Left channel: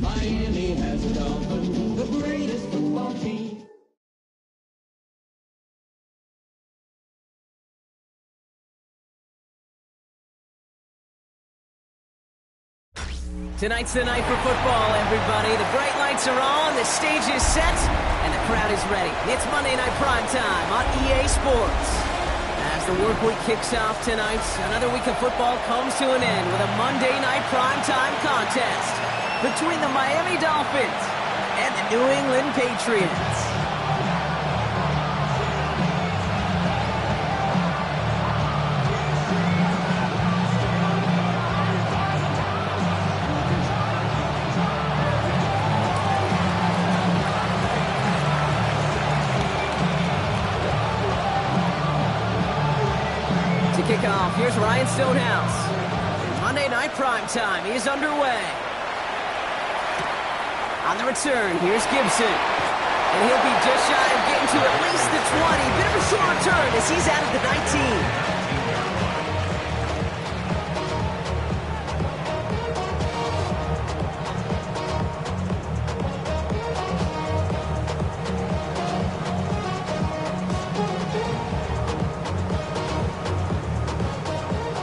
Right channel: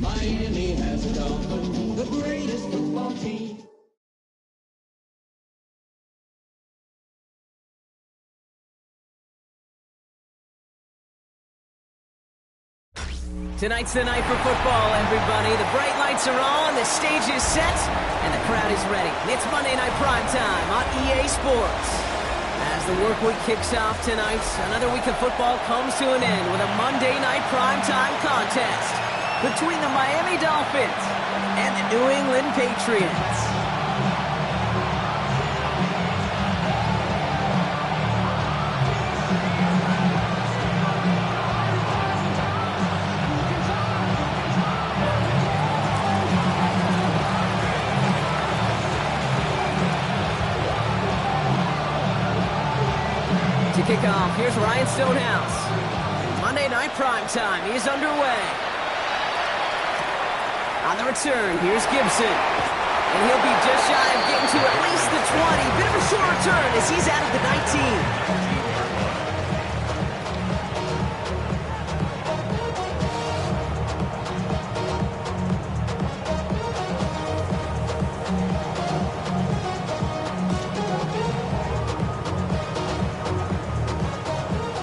Miami has a Dolphin, the greatest football team. Tonight's the night for football, everybody. The bright lights are on, the stage is set, and the crowd is ready. It's Monday Night Primetime on EA Sports. As the work week kicks off tonight, another week of football comes to an end with a Monday Night Primetime contest between the Miami Dolphins and the New England Patriots. To kick off, here's Ryan Stonehouse. Monday Night Primetime is underway. On the return, here's Gibson. And he'll be just shy of getting to at least the 20. Bit of a short return as he's out of the 19.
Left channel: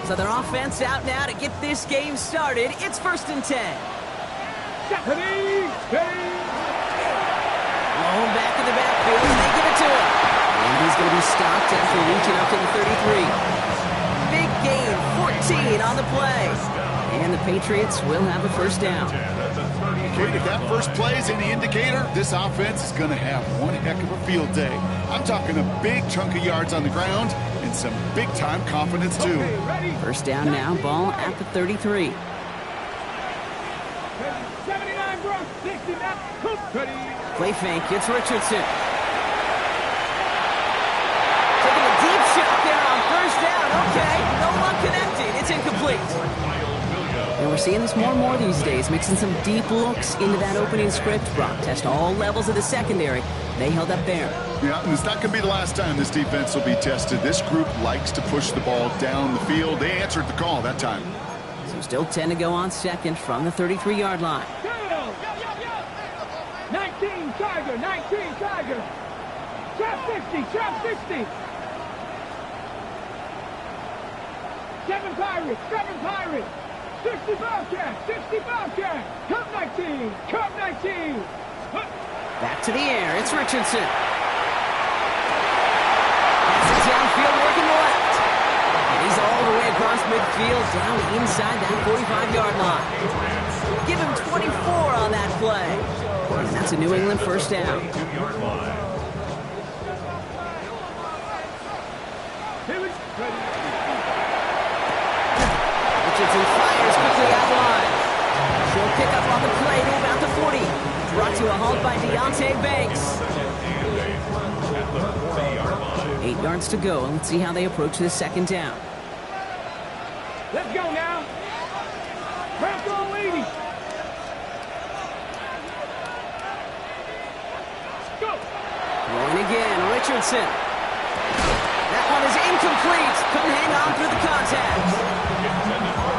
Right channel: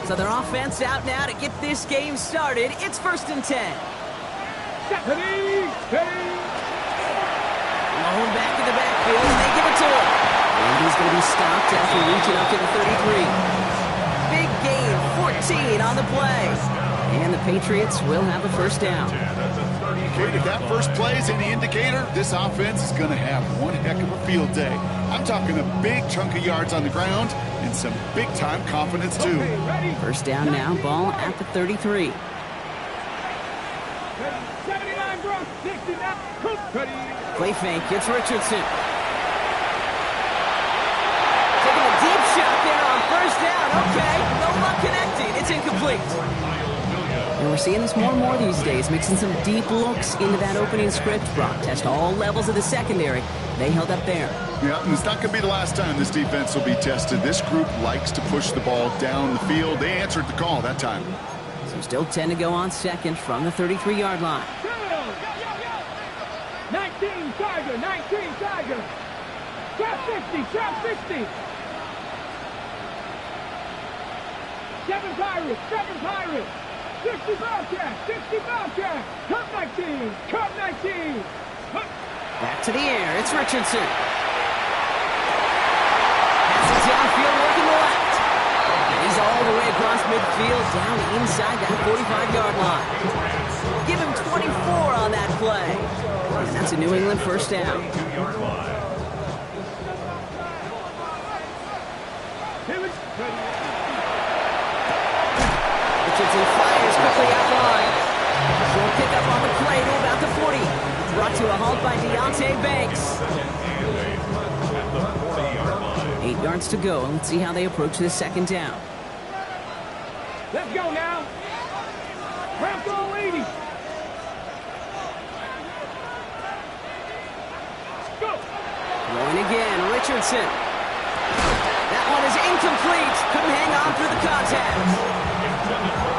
So their offense out now to get this game started. It's 1st and 10. Lone back in the backfield, and they give it to him. And he's going to be stopped after reaching up to the 33. Big gain, 14 on the play. And the Patriots will have a first down. Okay, if that first play is any indicator, this offense is going to have one heck of a field day. I'm talking a big chunk of yards on the ground and some big-time confidence, too. First down now, ball at the 33. 79 Bronx, 69. Play fake, it's Richardson. Taking a deep shot there on first down. Okay, no luck connecting. It's incomplete. And we're seeing this more and more these days, mixing some deep looks into that opening script. Brock test all levels of the secondary. They held up there. Yeah, and it's not going to be the last time this defense will be tested. This group likes to push the ball down the field. They answered the call that time. So still 10 to go on second from the 33-yard line. 19 Tiger, 19 Tiger. Trap 60, trap 60. 7 Pirates, 7 Pirates. 60 Bobcats, 60 Bobcats. Cup 19, Cup 19. Back to the air, it's Richardson. Passes downfield, working the left. And he's all the way across midfield, down inside that 45-yard line. Give him 24 on that play. And that's a New England first down. Richardson fires quickly out wide. Short pickup on the play to about the 40. Brought to a halt by Deonte Banks. 8 yards to go. Let's see how they approach this second down. Let's go now. Bronco ladies. Go. Going again, Richardson. That one is incomplete. Couldn't hang on through the contact.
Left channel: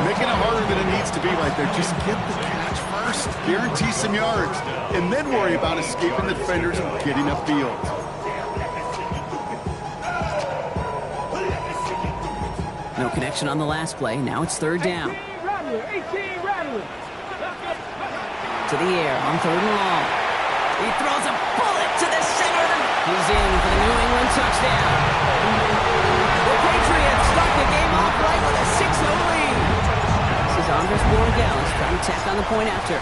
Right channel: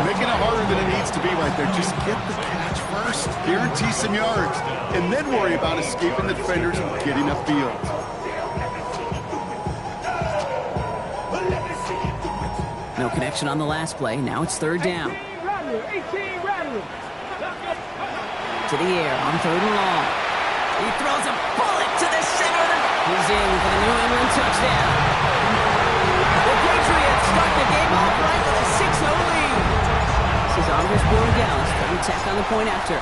Making it harder than it needs to be right there. Just get the catch first. Guarantee some yards. And then worry about escaping the defenders and getting upfield. No connection on the last play. Now it's third down. 18 Rattler. To the air on third and long. He throws a bullet to the center of the... He's in for the New England touchdown. The Patriots start the game off right with a 6-0 lead. This is Andres Borregales trying to tack on the point after.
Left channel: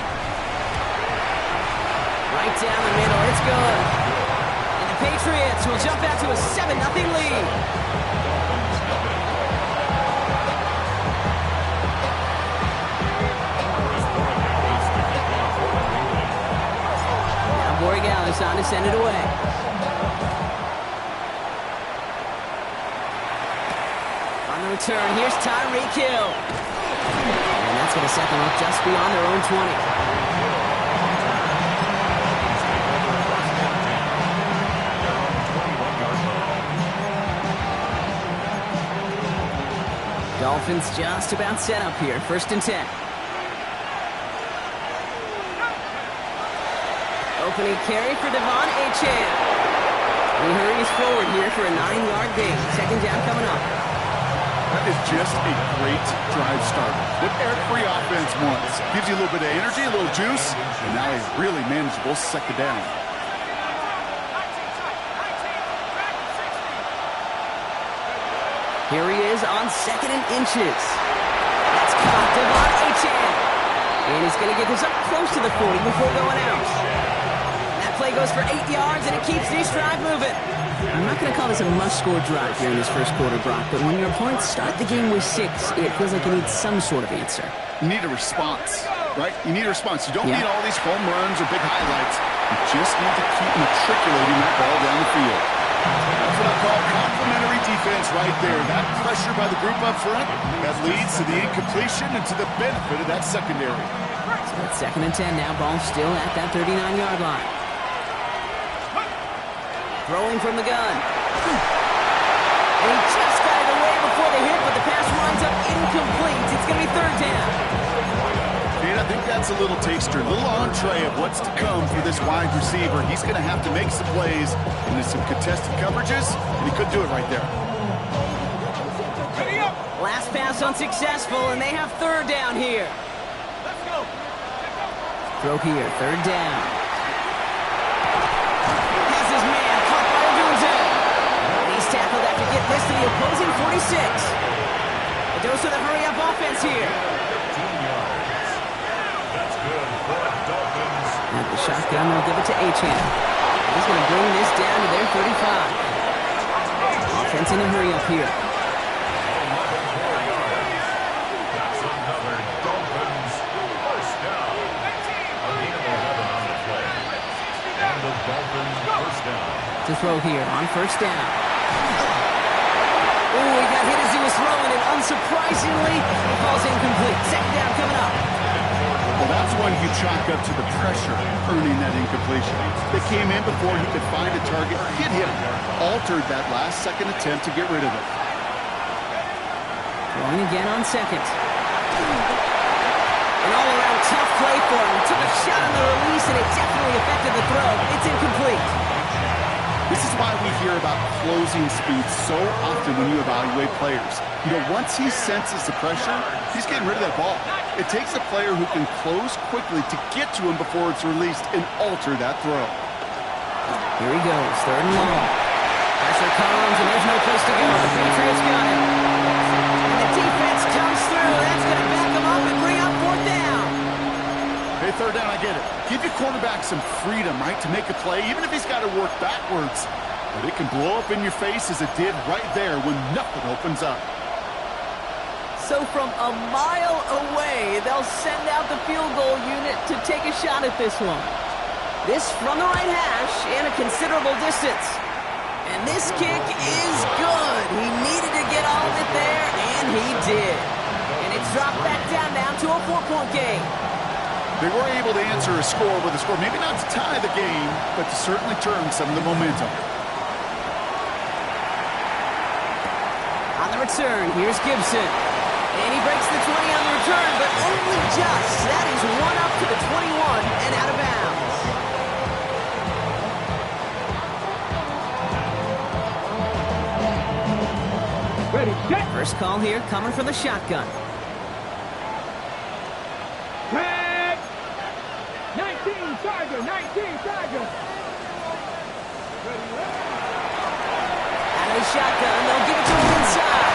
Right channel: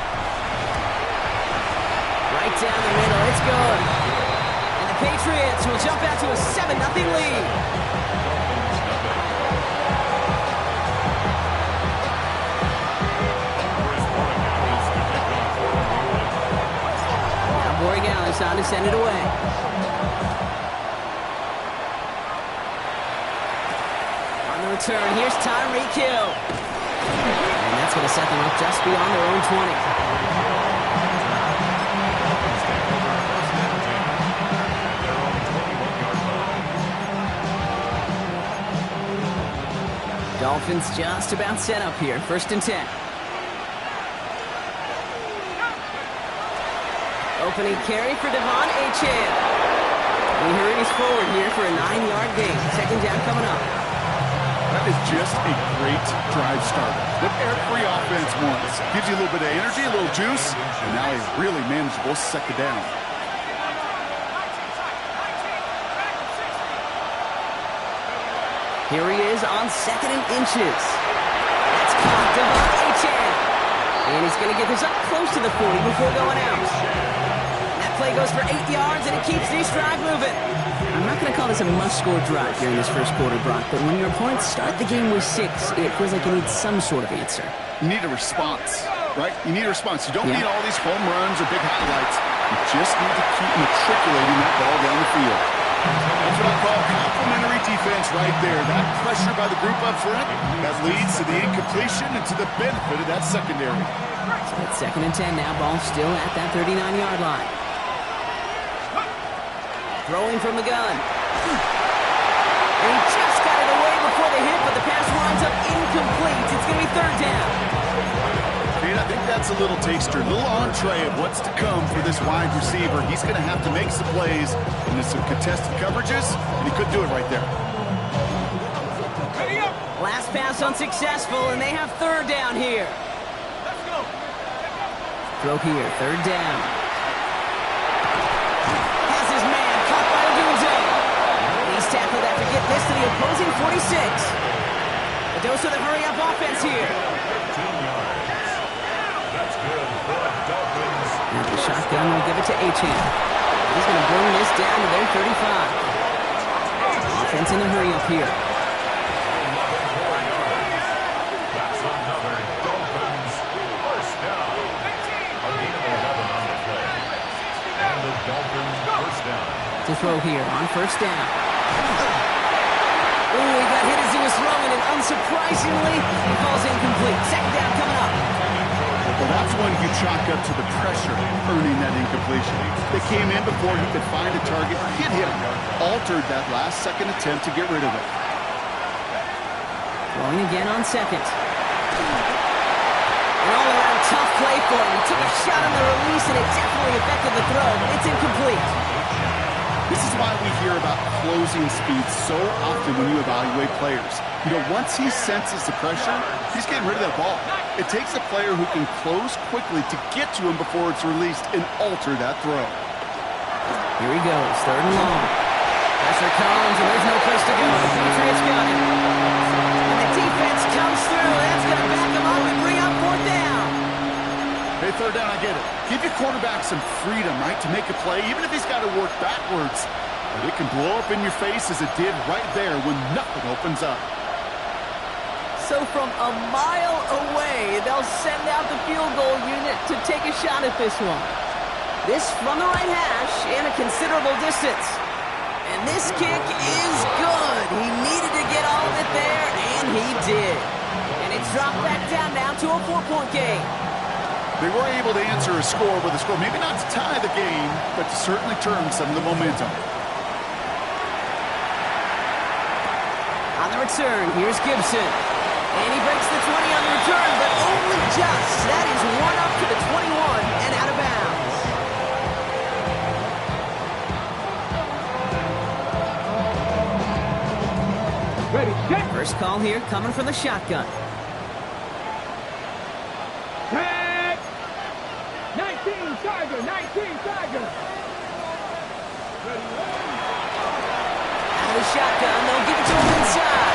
Right down the middle, it's good. And the The Patriots will jump out to a 7-0 lead. Now Borregales on to send it away. On the return, here's Tyreek Hill. And that's going to set them up just beyond their own 20. Dolphins just about set up here. 1st and 10. Opening carry for Devon Achane. He hurries forward here for a 9-yard gain. 2nd down coming up. That is just a great drive starter. What every offense wants. Gives you a little bit of energy, a little juice, and now a really manageable 2nd down. Here he is on 2nd and inches. That's caught, Devon Achane. And he's going to get this up close to the 40 before going out. That play goes for 8 yards, and it keeps this drive moving. I'm not going to call this a must-score drive here in this first quarter, Brock, but when your opponents start the game with 6, it feels like you need some sort of answer. You need a response, right? You need a response. You don't need all these home runs or big highlights. You just need to keep matriculating that ball down the field. That's what I call complimentary defense right there. That pressure by the group up front, that leads to the incompletion and to the benefit of that secondary. So it's 2nd and 10 now. Ball still at that 39-yard line. Throwing from the gun. And he just got it away before the hit, but the pass winds up incomplete. It's going to be 3rd down. And I think that's a little taster, a little entree of what's to come for this wide receiver. He's going to have to make some plays into some contested coverages, and he could do it right there. Last pass unsuccessful, and they have 3rd down here. Let's go. Throw here, 3rd down. Has his man caught by Odunze. He's tackled after getting this to the opposing 46. A dose of the hurry-up offense here. At the shotgun, they'll give it to Achane. He's going to bring this down to their 35. Offense in a hurry-up here. That's another Dolphins first down. A gain of 11 on the play. And the Dolphins first down. To throw here on 1st down. Oh, he got hit as he was throwing, and unsurprisingly, he falls incomplete. 2nd down coming up. Well, that's one you chalk up to the pressure earning that incompletion. They came in before he could find a target, hit him, altered that last-second attempt to get rid of it. Throwing again on 2nd. An all-around tough play for him. He took a shot on the release, and it definitely affected the throw. It's incomplete. This is why we hear about closing speed so often when you evaluate players. You know, once he senses the pressure, he's getting rid of that ball. It takes a player who can close quickly to get to him before it's released and alter that throw. Here he goes, 3rd and long. Pressure comes, and there's no place to go. The Patriots got him. And the defense comes through. That's going to back him up and bring up 4th down. Hey, 3rd down, I get it. Give your quarterback some freedom, right, to make a play, even if he's got to work backwards. But it can blow up in your face as it did right there when nothing opens up. So from a mile away, they'll send out the field goal unit to take a shot at this one. This from the right hash and a considerable distance. And this kick is good. He needed to get all of it there, and he did. And it's dropped back down now to a 4-point game. They were able to answer a score with a score, maybe not to tie the game, but to certainly turn some of the momentum. On the return, here's Gibson. And he breaks the 20 on the return, but only just. That is one up to the 21 and out of bounds. Ready, set. First call here coming from the shotgun. Tag. 19 Tiger, 19 Tiger. Out of the shotgun, they'll give it to him inside.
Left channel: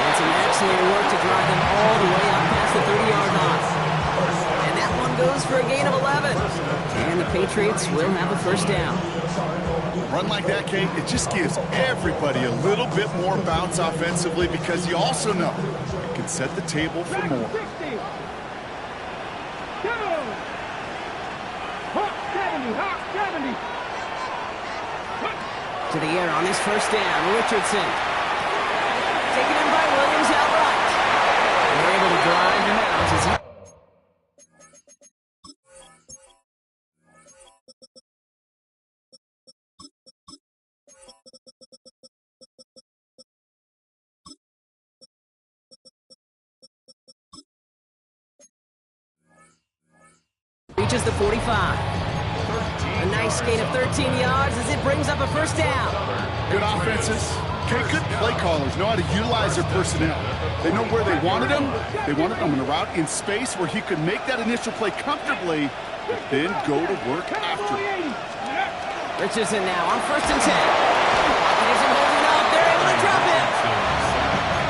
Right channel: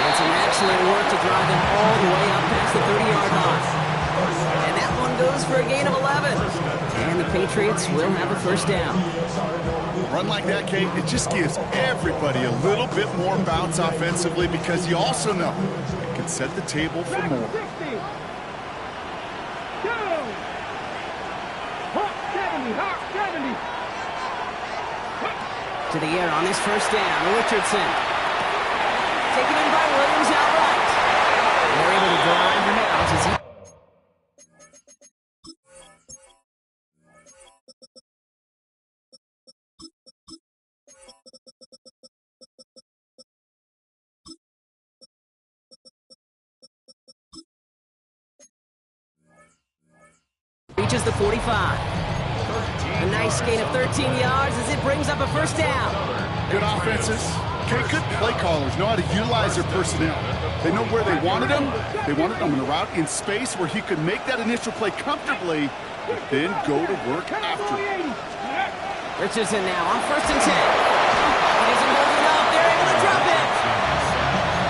And some excellent work to drive them all the way up past the 30-yard line. And that one goes for a gain of 11. And the Patriots will have a first down. Run like that, Kate, it just gives everybody a little bit more bounce offensively because you also know it can set the table for more. 60. Go. Hawk 70. Hawk 70. To the air on this first down. Richardson. Taken in by Williams outright. And they're able to drive him out as he... reaches the 45. A nice gain of 13 yards as it brings up a first down. Good offenses. Okay, good play callers know how to utilize their personnel. They know where they wanted them. They wanted them in a route in space where he could make that initial play comfortably, but then go to work after. Richardson now on first and 10. Pocket isn't holding up. They're able to drop him.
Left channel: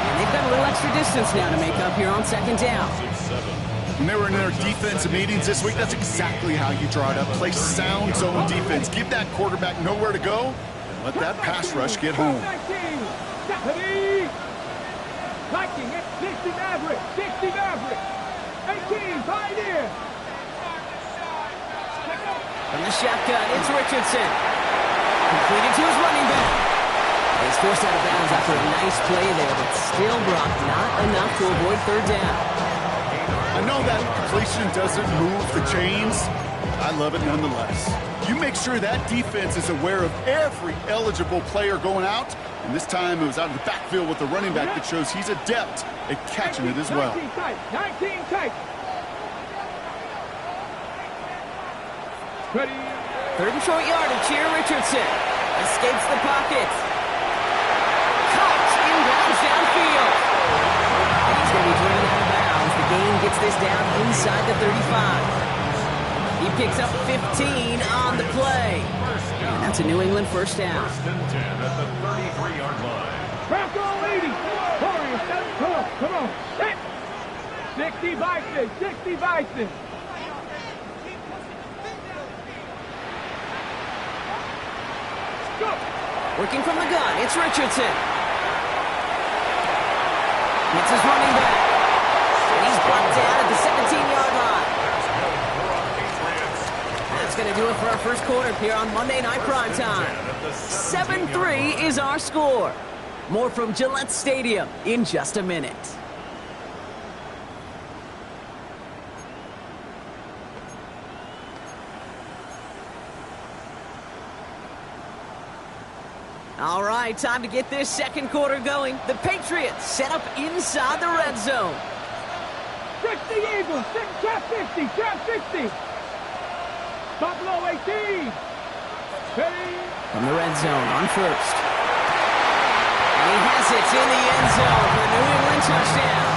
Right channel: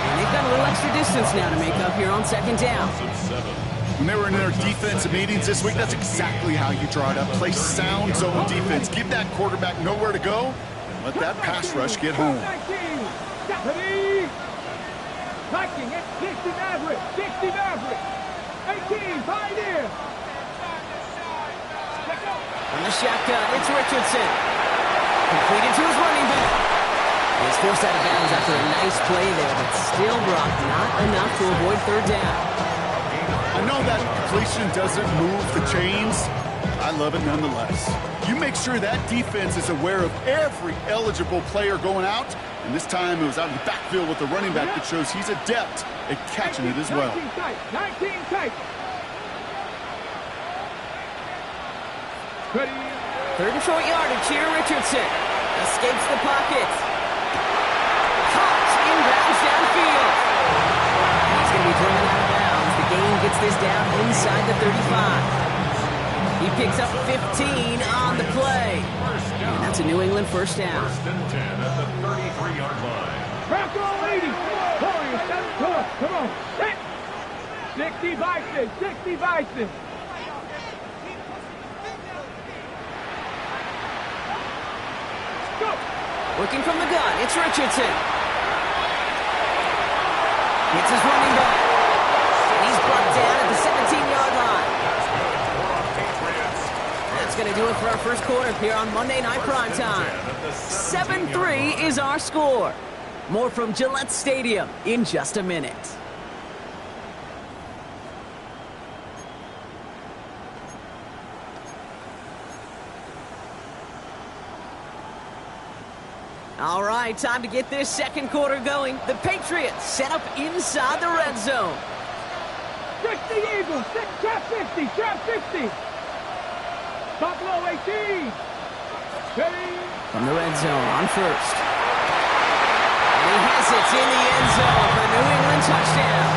And they've got a little extra distance now to make up here on second down. When they were in their defensive meetings this week, that's exactly how you draw it up. Play sound zone defense. Give that quarterback nowhere to go, and let that pass rush get home. Viking at 60 Maverick. 60 Maverick. 18 Pioneer. From the shotgun, it's Richardson. Completed to his running back. He's forced out of bounds after a nice play there, but still Brock not enough to avoid third down. I know that completion doesn't move the chains. I love it nonetheless. You make sure that defense is aware of every eligible player going out, and this time it was out of the backfield with the running back that shows he's adept at catching it as well. 19 tight. 19 tight. Ready. Third and short yardage here. Richardson escapes the pocket. Caught inbounds downfield. And he's going to be driven out of bounds. The gain gets this down inside the 35. He picks up 15 on the play. And that's a New England first down. First and 10 at the 33-yard line. Bronco 80. Warriors, 7 come on. Set. 60 Bison. 60 Bison. Go. Working from the gun, it's Richardson. Hits his running back. And he's brought down at the 17-yard line. That's going to do it for our first quarter here on Monday Night Primetime. 7-3 is our score. More from Gillette Stadium in just a minute. All right, time to get this second quarter going. The Patriots set up inside the red zone. 60 Eagles, trap 60, trap 60. Buffalo 18. Ready. From the red zone on first. And he has it in the end zone for the New England touchdown.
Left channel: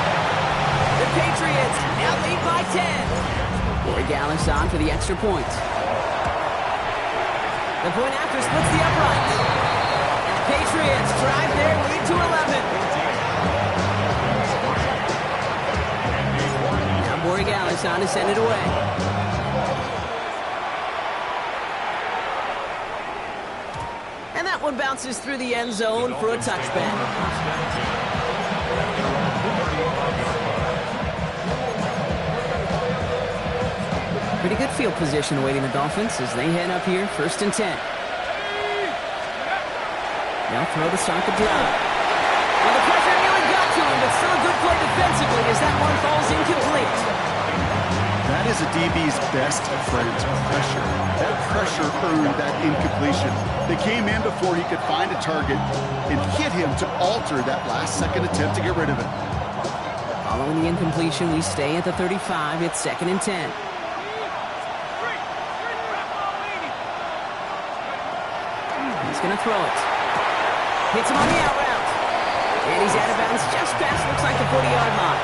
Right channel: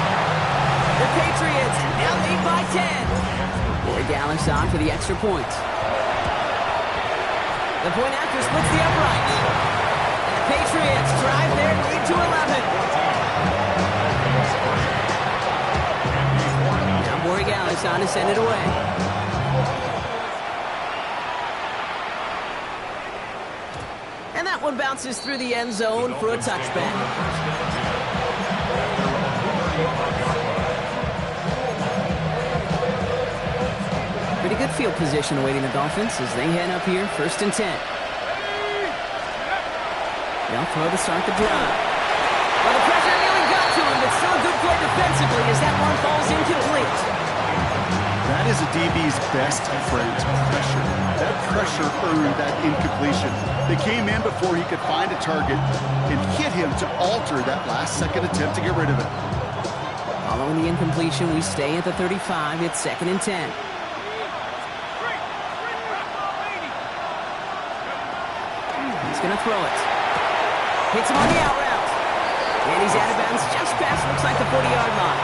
The Patriots now lead by 10. Boy Gallus on for the extra point. The point after splits the upright. And the Patriots drive their lead to 11. Now Boy Gallus on to send it away. And that one bounces through the end zone for a touchback. Pretty good field position awaiting the Dolphins as they head up here, first and 10. They'll throw to start the drive. Well, the pressure nearly got to him, but still a good play defensively as that one falls incomplete. That is a DB's best friend, pressure. That pressure earned that incompletion. They came in before he could find a target and hit him to alter that last-second attempt to get rid of it. Following the incompletion, we stay at the 35. It's second and 10. He's going to throw it. Hits him on the out route. And he's out of bounds just past, looks like the 40-yard line.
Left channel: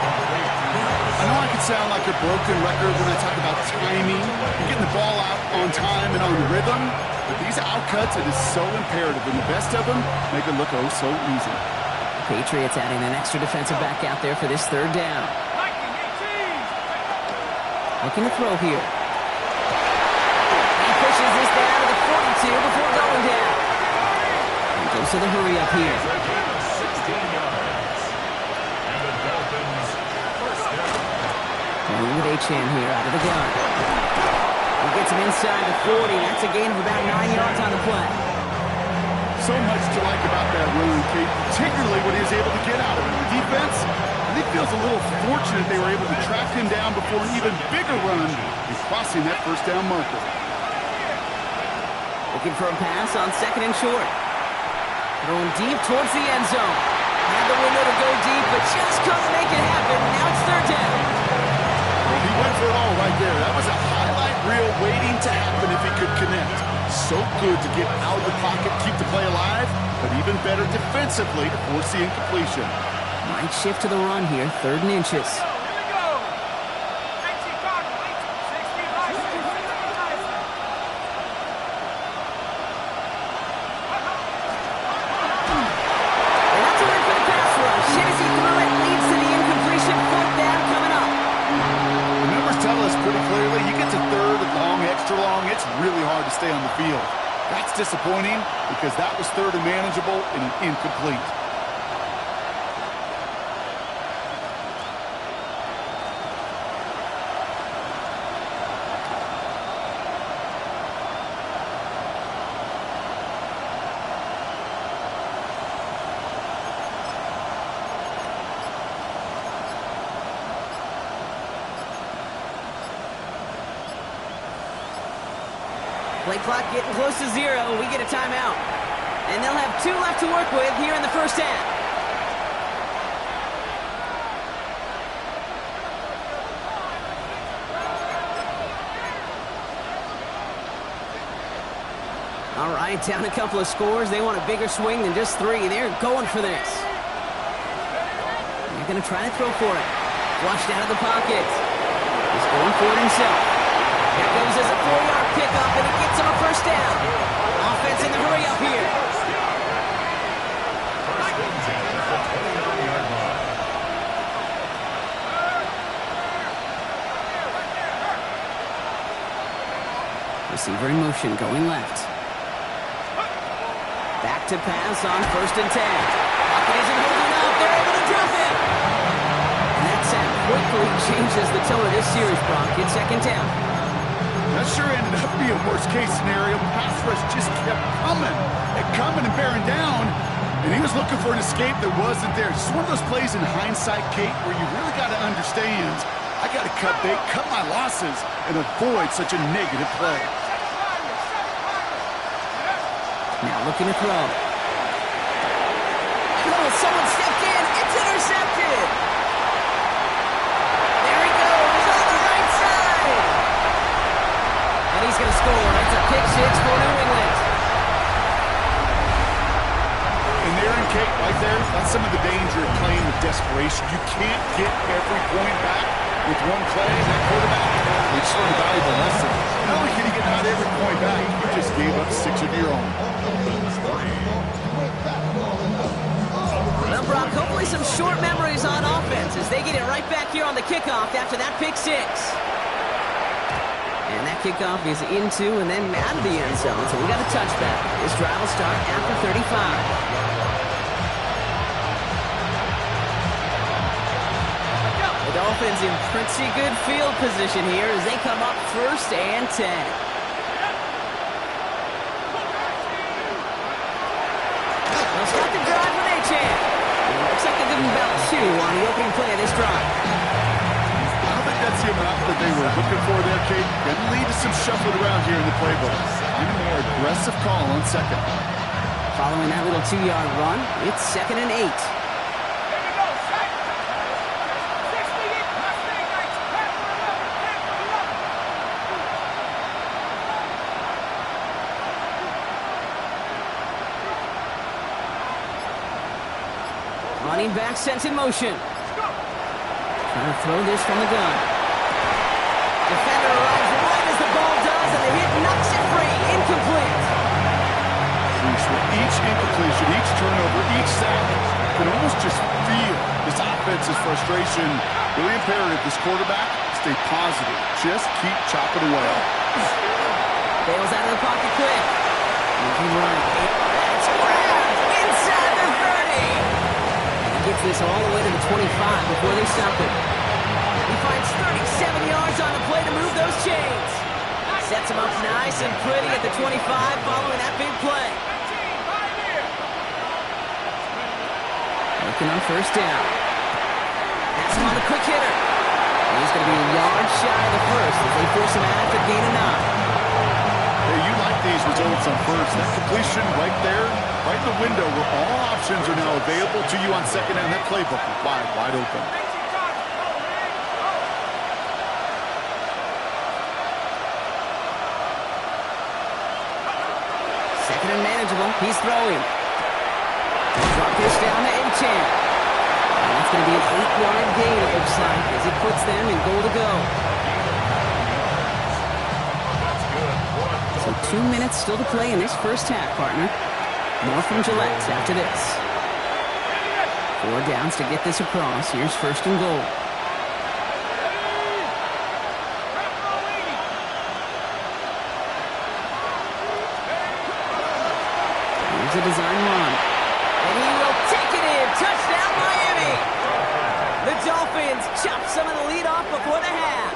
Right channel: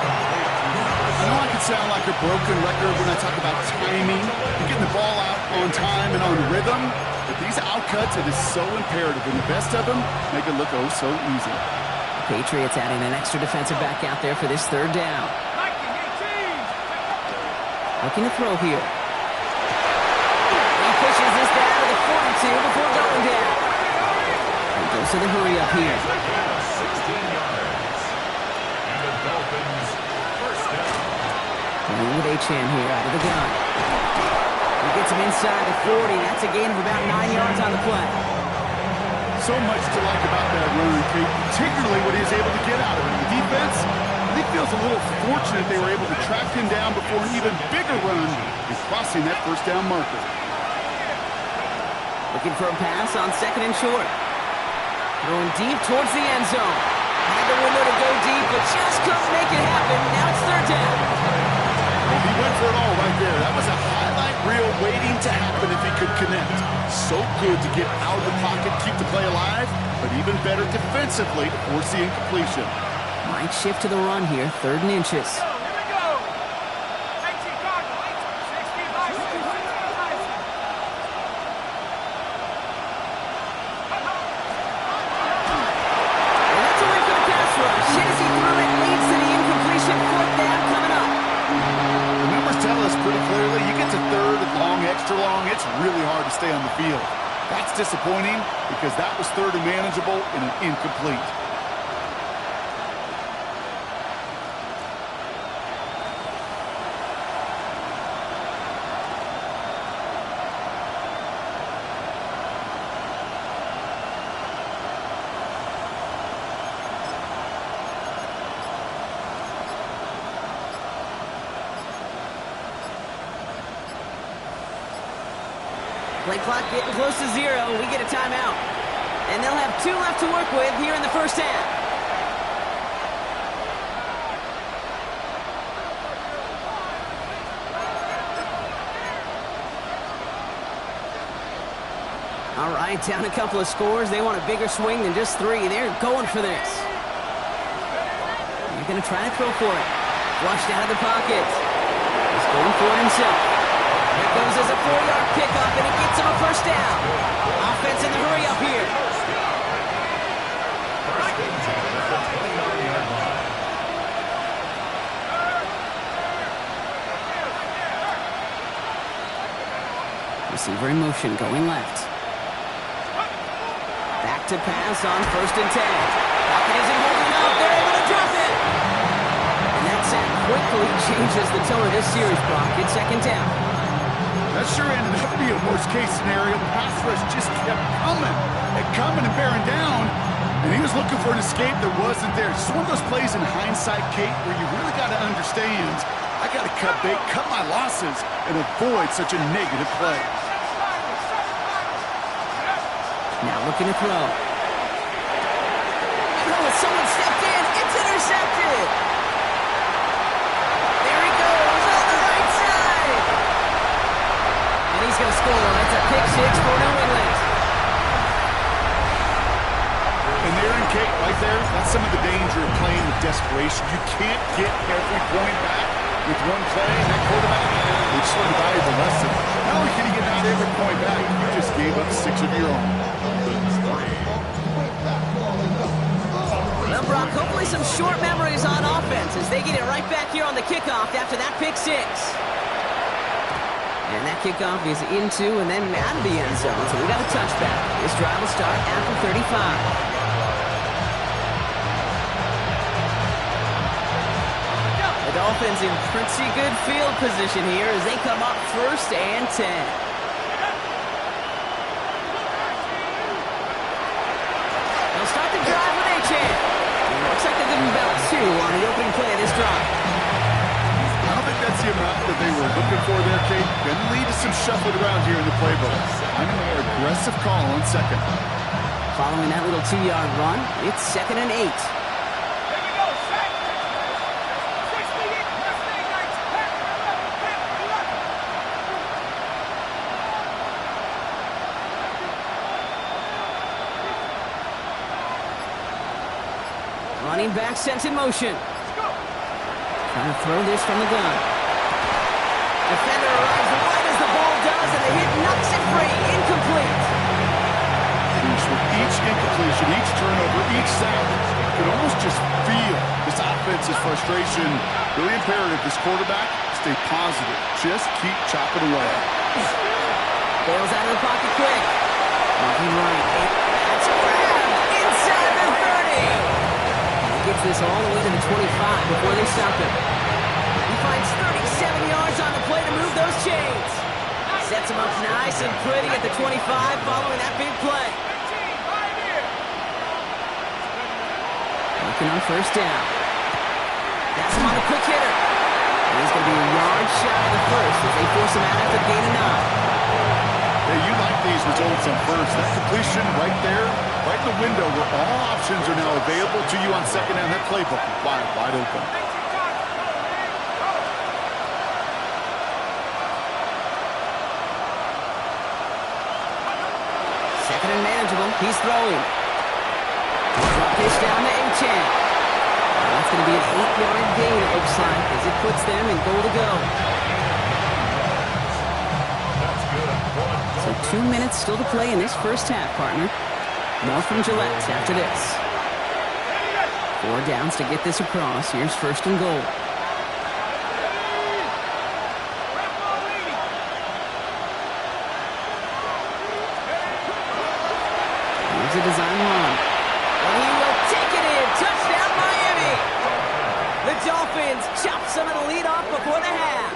I know I can sound like a broken record when I talk about timing and getting the ball out on time and on rhythm, but these outcuts, it is so imperative, and the best of them make it look oh so easy. Patriots adding an extra defensive back out there for this third down. Looking to throw here. He pushes this down to the 42 before going down. He goes to the hurry up here. A gain of 16 yards. And the Dolphins first down. Playing with Achane here out of the gun. He gets him inside the 40. That's a gain of about 9 yards on the play. So much to like about that run, Kate, particularly what he was able to get out of it. The defense, I think, feels a little fortunate they were able to track him down before an even bigger run and crossing that first down marker. Looking for a pass on second and short. Throwing deep towards the end zone. Had the window to go deep, but just couldn't make it happen. Now it's third down. Well, he went for it all right there. That was a highlight reel waiting to happen if he could connect. So good to get out of the pocket, keep the play alive, but even better defensively to force the incompletion. Might shift to the run here, third and inches. Here we go. 19 Cardinals. 65. And that's a win for the pass rush. Shit as he threw it, leads to the incompletion. Fourth down coming up. The numbers tell us pretty clearly, you get to third and long, extra long, it's really hard to stay on the field. That's disappointing because that was third and manageable and an incomplete. Play clock getting close to 0. We get a timeout. And they'll have 2 left to work with here in the first half. All right, down a couple of scores. They want a bigger swing than just 3. They're going for this. They're going to try to throw for it. Flushed out of the pocket. He's going for it himself. Here goes as a 4-yard pickup, and it gets him a first down. Offense in the hurry up here. First and 10 at the 29-yard line. Receiver in motion, going left. Back to pass on first and 10. Pocket isn't holding up. They're able to drop it. And that sack quickly changes the tone of this series, Brock. It's second down. That sure ended up being a worst-case scenario. Pass rush just kept coming and bearing down, and he was looking for an escape that wasn't there. Just one of those plays in hindsight, Kate, where you really got to understand, I got to cut bait, cut my losses, and avoid such a negative play. Now looking to throw. Oh, someone stepped in. It's intercepted. There he goes on the right side. And he's going to score. It's a pick 6 for New England. And there in Kate, right there, that's some of the danger of playing with desperation. You can't get every point back with one play. And that quarterback, they just learned a valuable lesson. Not only can you get out every point back, you just gave up 6 of your own. Well, Brock, hopefully some short memories on offense as they get it right back here on the kickoff after that pick 6. And that kickoff is into and then out of the end zone. So we got a touchback. This drive will start after 35. The Dolphins in pretty good field position here as they come up first and 10. They'll start the drive with Achane. Looks like they'll give him about 2 on the opening play of this drive. I don't think that's the amount that they were looking for there, Kate. Going to lead to some shuffling around here in the playbook. Find a more aggressive call on second. Following that little 2-yard run, it's second and 8. Here we go. Set. 68. Mustang Knights. Panther 11. Panther 11. Running back sent in motion. Trying to throw this from the gun. Defender arrives right as the ball does, and the hit knocks it free. Incomplete. Sheesh, what each incompletion, each turnover, each sack, you can almost just feel this offense's frustration. Really imperative, this quarterback, stay positive. Just keep chopping away. Bails out of the pocket quick. Moving right. That's grabbed inside the 30. And he gets this all the way to the 25 before they stop him. He finds 37 yards on the play to move those chains. Sets him up nice and pretty at the 25 following that big play. Looking on first down. That's him on the quick hitter. And he's going to be a yard shy of the first as they force him out after the gain of 9. Hey, you like these results on first. That completion right there, right in the window where all options are now available to you on second down. That playbook is wide open. Second and manageable. He's throwing. Drop this down to A-10. That's going to be an 8-yard gain, it looks like, as it puts them in goal to go. So 2 minutes still to play in this first half, partner. More from Gillette after this. 4 downs to get this across. Here's first and goal. Here's a design run. And he will take it in. Touchdown, Miami. The Dolphins chop some of the lead off before the half.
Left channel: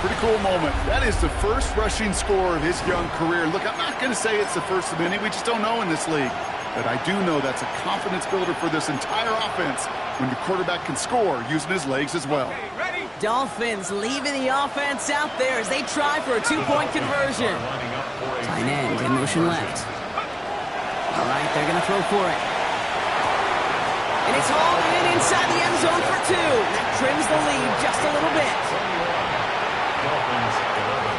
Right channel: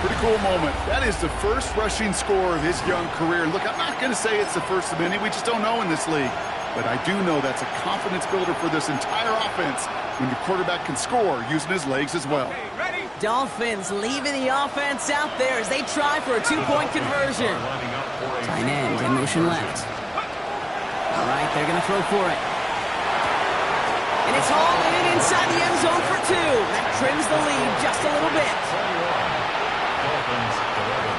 Pretty cool moment. That is the first rushing score of his young career. Look, I'm not going to say it's the first of many. We just don't know in this league. But I do know that's a confidence builder for this entire offense when your quarterback can score using his legs as well. Dolphins leaving the offense out there as they try for a 2-point conversion. Tight end in motion left. All right, they're going to throw for it. And it's hauled in inside the end zone for 2. That trims the lead just a little bit. Dolphins 11.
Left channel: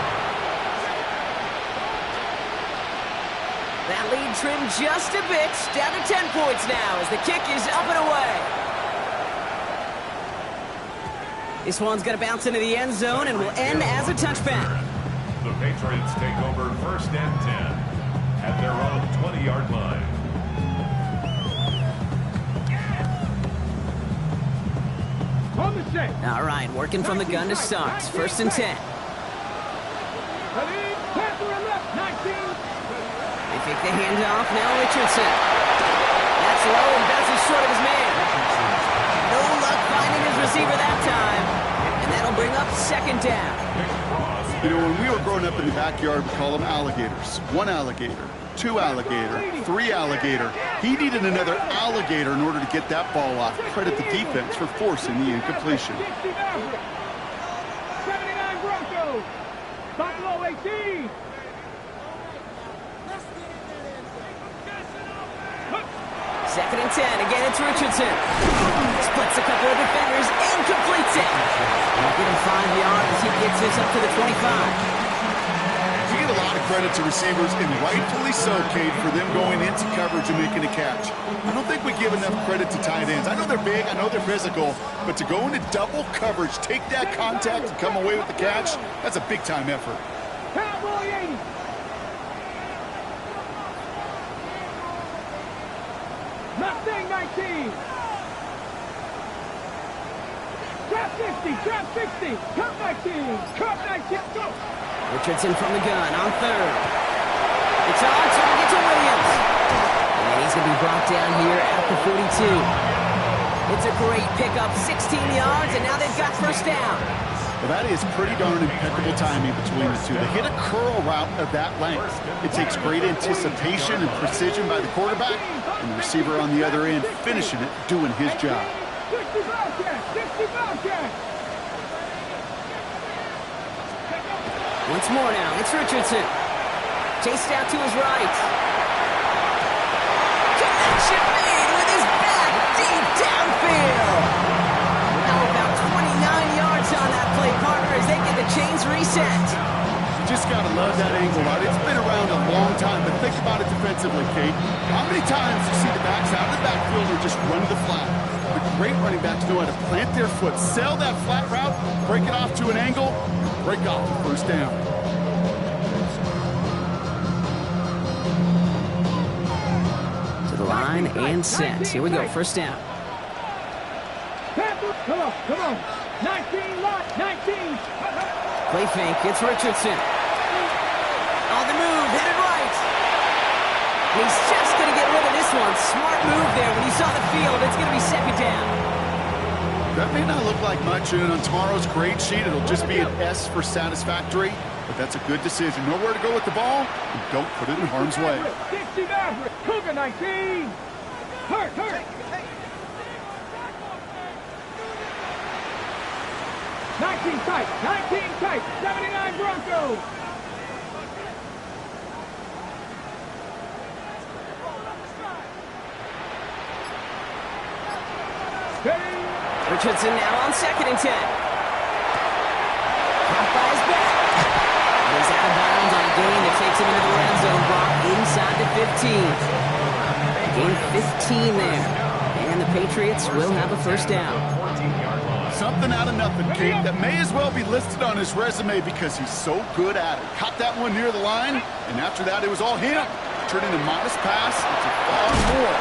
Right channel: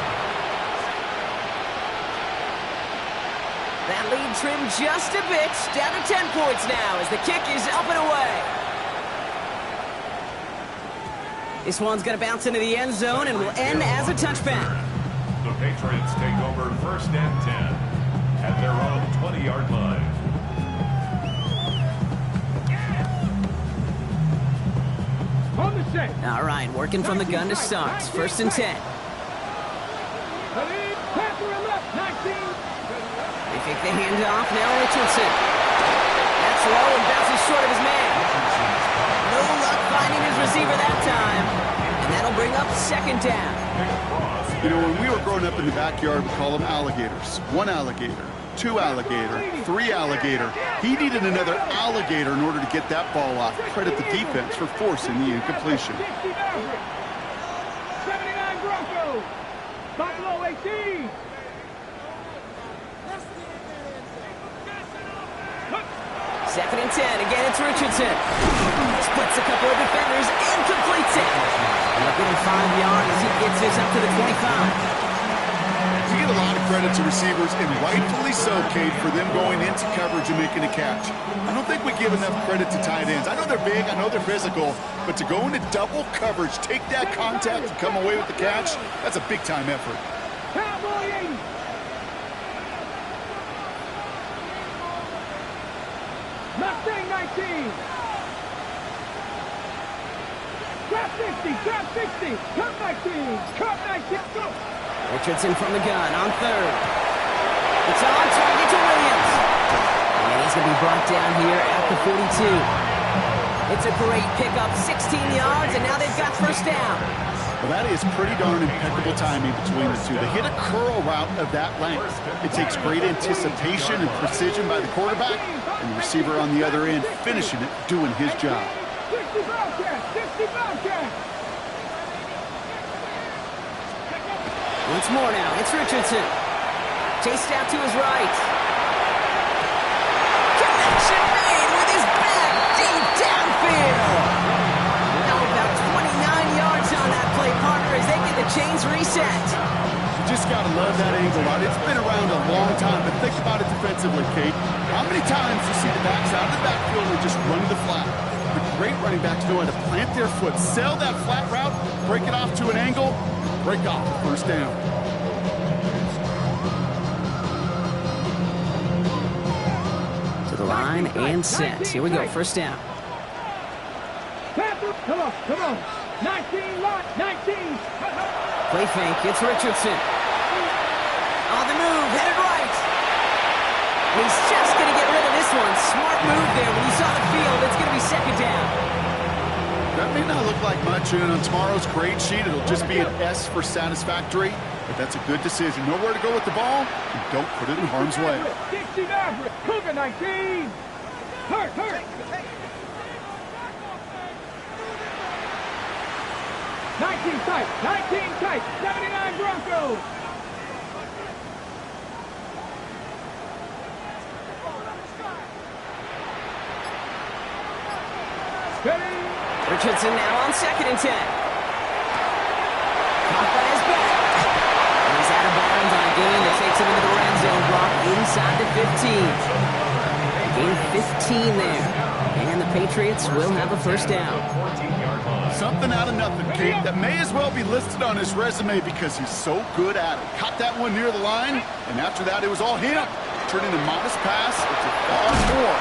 That lead trimmed just a bit. Down to 10 points now as the kick is up and away. This one's going to bounce into the end zone and will end as a touchback. The Patriots take over first and 10 at their own 20-yard line. On the set. All right, working from the gun to start. First and 10. Panther left, 19. They take the handoff. Now Richardson. That's low and bounces short of his man. No luck finding his receiver that time. And that'll bring up second down. You know, when we were growing up in the backyard, we call them alligators. 1 alligator, 2 alligator, 3 alligator. He needed another alligator in order to get that ball off. Credit the defense for forcing the incompletion. 60 Maverick. 79 Broncos. Buffalo 18. Second and 10. Again, it's Richardson. Splits a couple of defenders and completes it. They'll get him 5 yards as he gets this up to the 25. You get a lot of credit to receivers, and rightfully so, Kate, for them going into coverage and making a catch. I don't think we give enough credit to tight ends. I know they're big, I know they're physical, but to go into double coverage, take that contact, and come away with the catch, that's a big-time effort. Cowboy 80. Mustang 19. Trap 60, trap 60. Cup 19, cup 19. Go. Richardson from the gun on third. It's on target to Williams. And he's going to be brought down here at the 42. It's a great pickup, 16 yards, and now they've got first down. Well, that is pretty darn impeccable timing between the two. They hit a curl route of that length. It takes great anticipation and precision by the quarterback, and the receiver on the other end finishing it, doing his job. 60 Bobcats, 60 Bobcats. Once more now, it's Richardson. Chased out to his right. Connection made with his back deep downfield. Now about 29 yards on that play, partner, as they get the chains reset. You just got to love that angle out. It's been around a long time, but think about it defensively, Kate. How many times you see the backs out of the backfield or just run to the flat? The great running backs know how to plant their foot, sell that flat route, break it off to an angle, break off the first down. the line and set. Here we go, first down. Come on. 19, line, 19. Play fake, it's Richardson. On the move, headed right. He's just going to get rid of this one. Smart move there. When you saw the field, it's going to be second down. That may not look like much, and on tomorrow's grade sheet, it'll just be an S for satisfactory, but that's a good decision. Know where to go with the ball, and don't put it in harm's way. 60 Maverick, Cougar 19. Hurt. 19 tight, 79 Broncos. Richardson now on 2nd and 10. Caught by his back. And he's out of bounds on a gain that takes him into the red zone, Brock, inside the 15. Gain 15 there. And the Patriots will have a first down. Something out of nothing, Kate, that may as well be listed on his resume because he's so good at it. Caught that one near the line, and after that, it was all him. Turning a modest pass into far more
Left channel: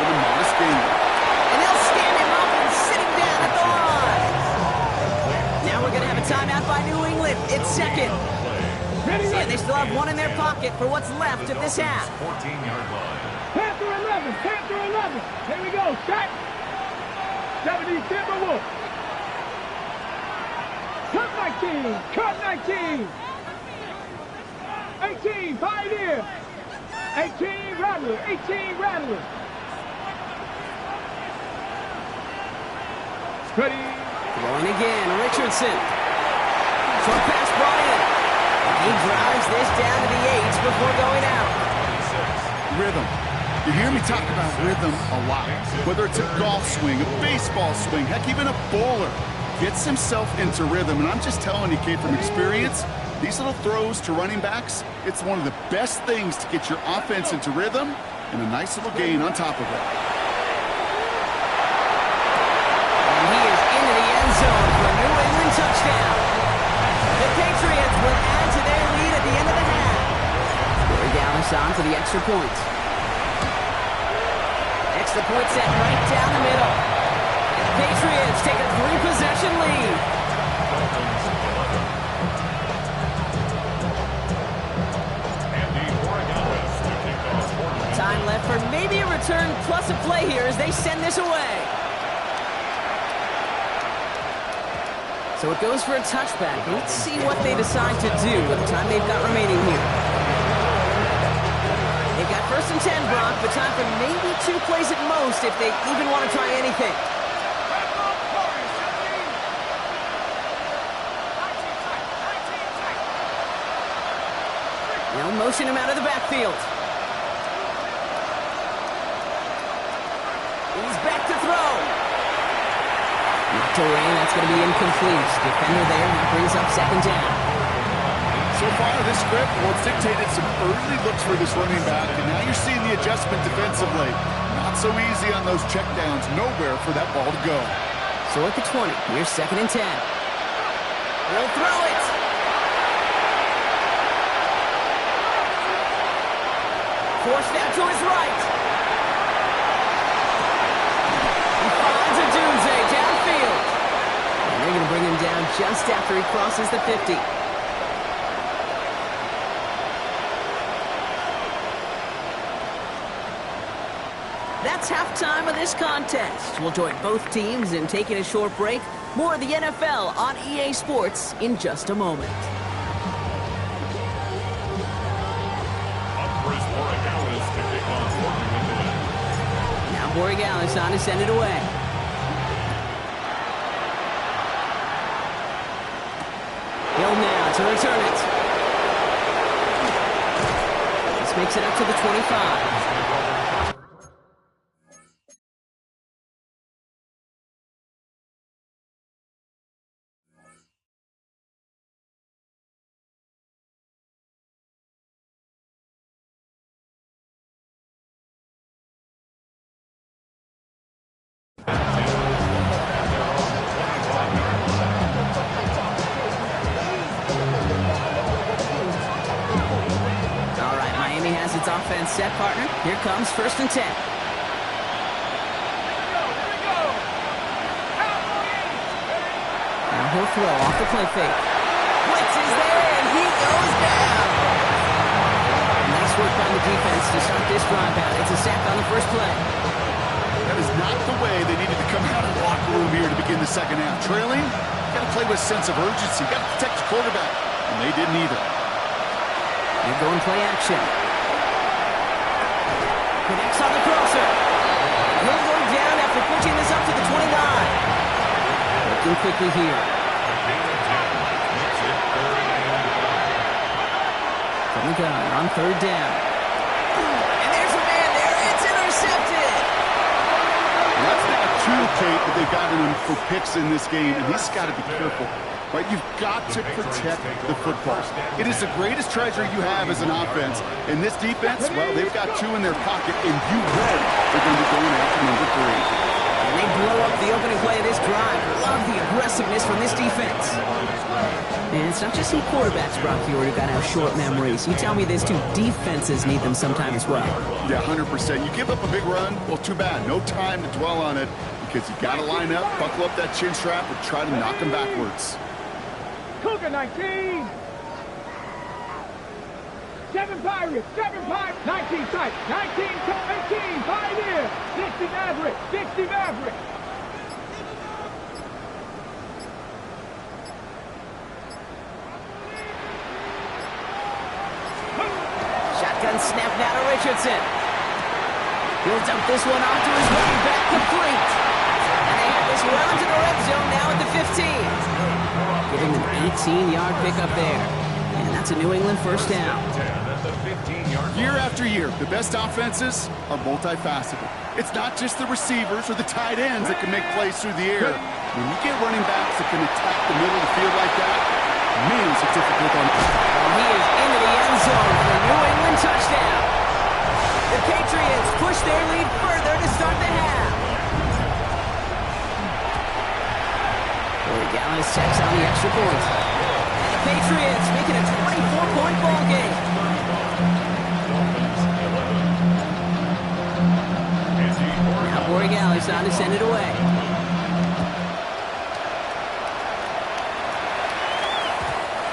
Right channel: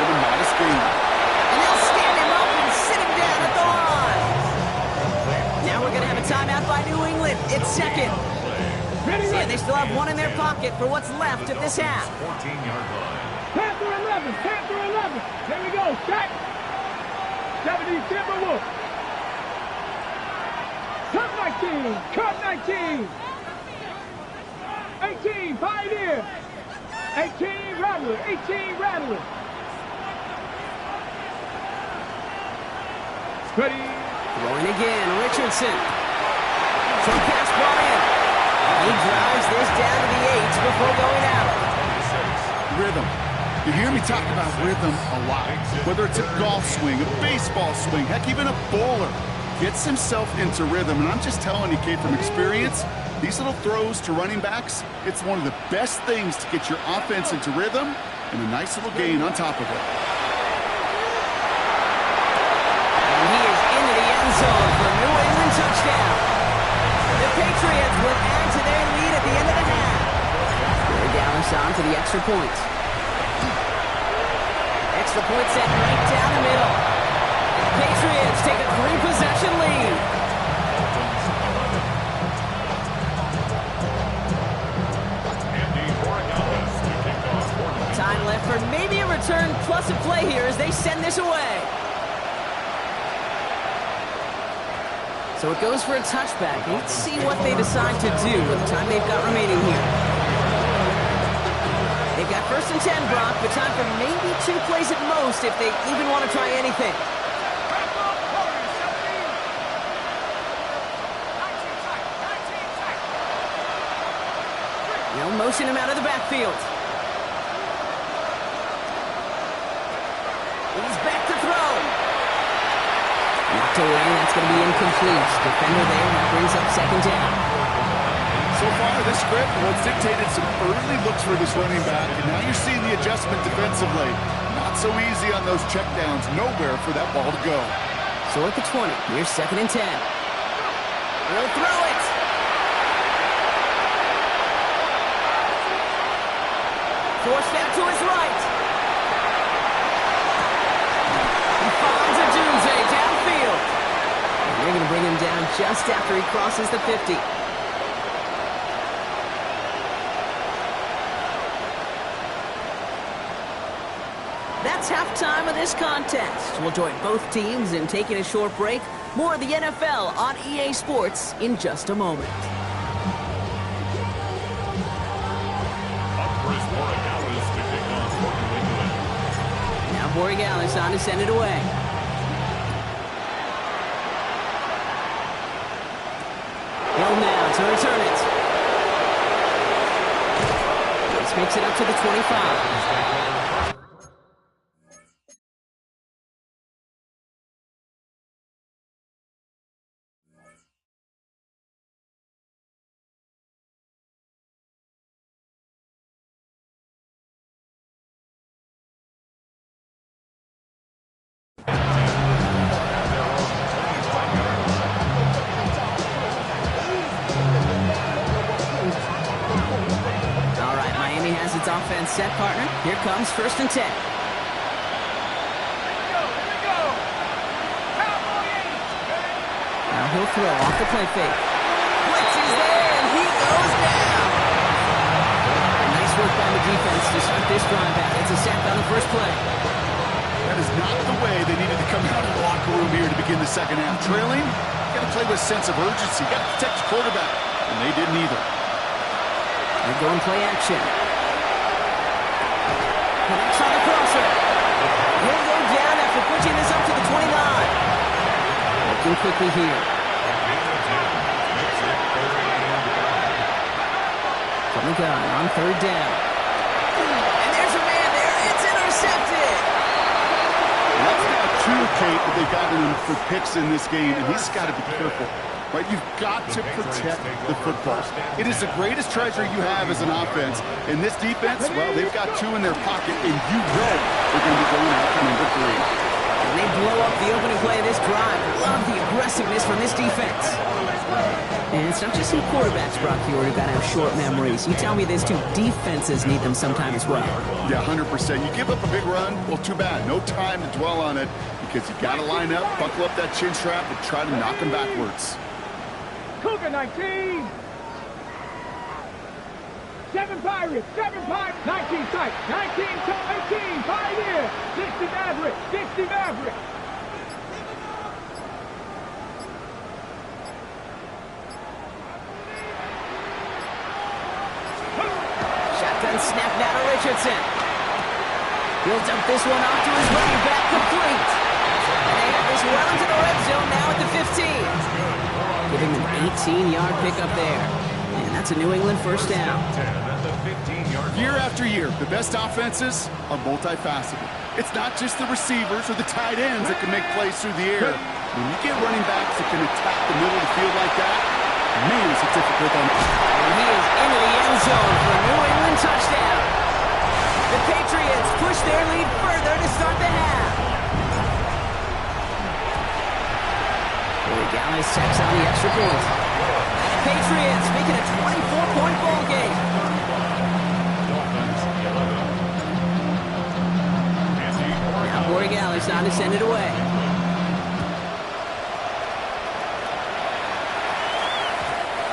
than a modest gain. And they'll stand him up and sit him down at the line. Now we're going to have a timeout by New England. It's second. And they still have one in their pocket for what's left of this half. 14-yard line. Panther 11. Here we go, Shaq. 70 Timberwolves. Cut 19. 18 Pioneer. 18 Rattler. Ready. Throwing again, Richardson. Short pass brought in. He drives this down to the 8 before going out. 26. Rhythm. You hear me talk about rhythm a lot. Whether it's a golf swing, a baseball swing, heck, even a bowler gets himself into rhythm. And I'm just telling you, Kate, from experience, these little throws to running backs, it's one of the best things to get your offense into rhythm and a nice little gain on top of it. And he is into the end zone for a New England touchdown. The Patriots will add to their lead at the end of the half. Corey Dallas on to the extra point. Extra point set right down the middle. And the Patriots take a 3-possession lead. Dolphins 11. Andy Borregales to kick off for New England. Time left for maybe a return plus a play here as they send this away. So it goes for a touchback. Let's see what they decide to do with the time they've got remaining here. They've got 1st and 10, Brock, but time for maybe 2 plays at most if they even want to try anything. Now motion him out of the backfield. He's back to throw. Knocked away, that's going to be incomplete. Defender there, that brings up 2nd down. So far, this script, well, it's dictated some early looks for this running back, and now you're seeing the adjustment defensively. Not so easy on those checkdowns. Nowhere for that ball to go. So at the 20, here's 2nd and 10. He'll throw it. Forced out to his right. He finds a Dunze downfield. And they're going to bring him down just after he crosses the 50. That's halftime of this contest. We'll join both teams in taking a short break. More of the NFL on EA Sports in just a moment. Up for his Borregales to kick off for New England. Now Borregales on to send it away. Hill now to return it. This makes it up to the 25. All right, Miami has its offense set, partner. Here comes 1st and 10. Now he'll throw off the play fake. Blitz is there, and he goes down. Nice work by the defense to start this drive out. It's a sack on the first play. That is not the way they needed to come out of the locker room here to begin the second half. Trailing, got to play with a sense of urgency. Got to protect your quarterback, and they didn't either. They're going play action. Connects on the crosser. He'll go down after pushing this up to the 29. Working quickly here. From the gun on third down. And there's a man there. It's intercepted. That's now two, Kate, that they've gotten him for picks in this game, and he's got to be careful. Right? You've got to protect the football. It is the greatest treasure you have as an offense. And this defense, well, they've got two in their pocket, and you know they're going to be going after number 3. And they blow up the opening play of this drive. Love the aggressiveness from this defense. And it's not just some quarterbacks, Brock Huard, who got to have short memories. You tell me these two defenses need them sometime as well. Yeah, 100%. You give up a big run, well, too bad. No time to dwell on it because you got to line up, buckle up that chin strap, and try to knock them backwards. Cougar 19. 7 Pirates, 7 Pirates, 19 tight, 19 tight, 18, Pioneer, 60 Maverick, 60 Maverick. Shotgun snap now to Richardson. He'll dump this one off to his running back, complete. And they have this well into the red zone now at the 15. Giving them an 18-yard pickup there. And that's a New England first down. Year after year, the best offenses are multifaceted. It's not just the receivers or the tight ends that can make plays through the air. When you get running backs that can attack the middle of the field like that, man, it's a difficult on. And he is into the end zone for a New England touchdown. The Patriots push their lead further to start the half. Corey Gallis checks on the extra point. And the Patriots make it a 24-point ball game. Now Corey Gallis on to send it away.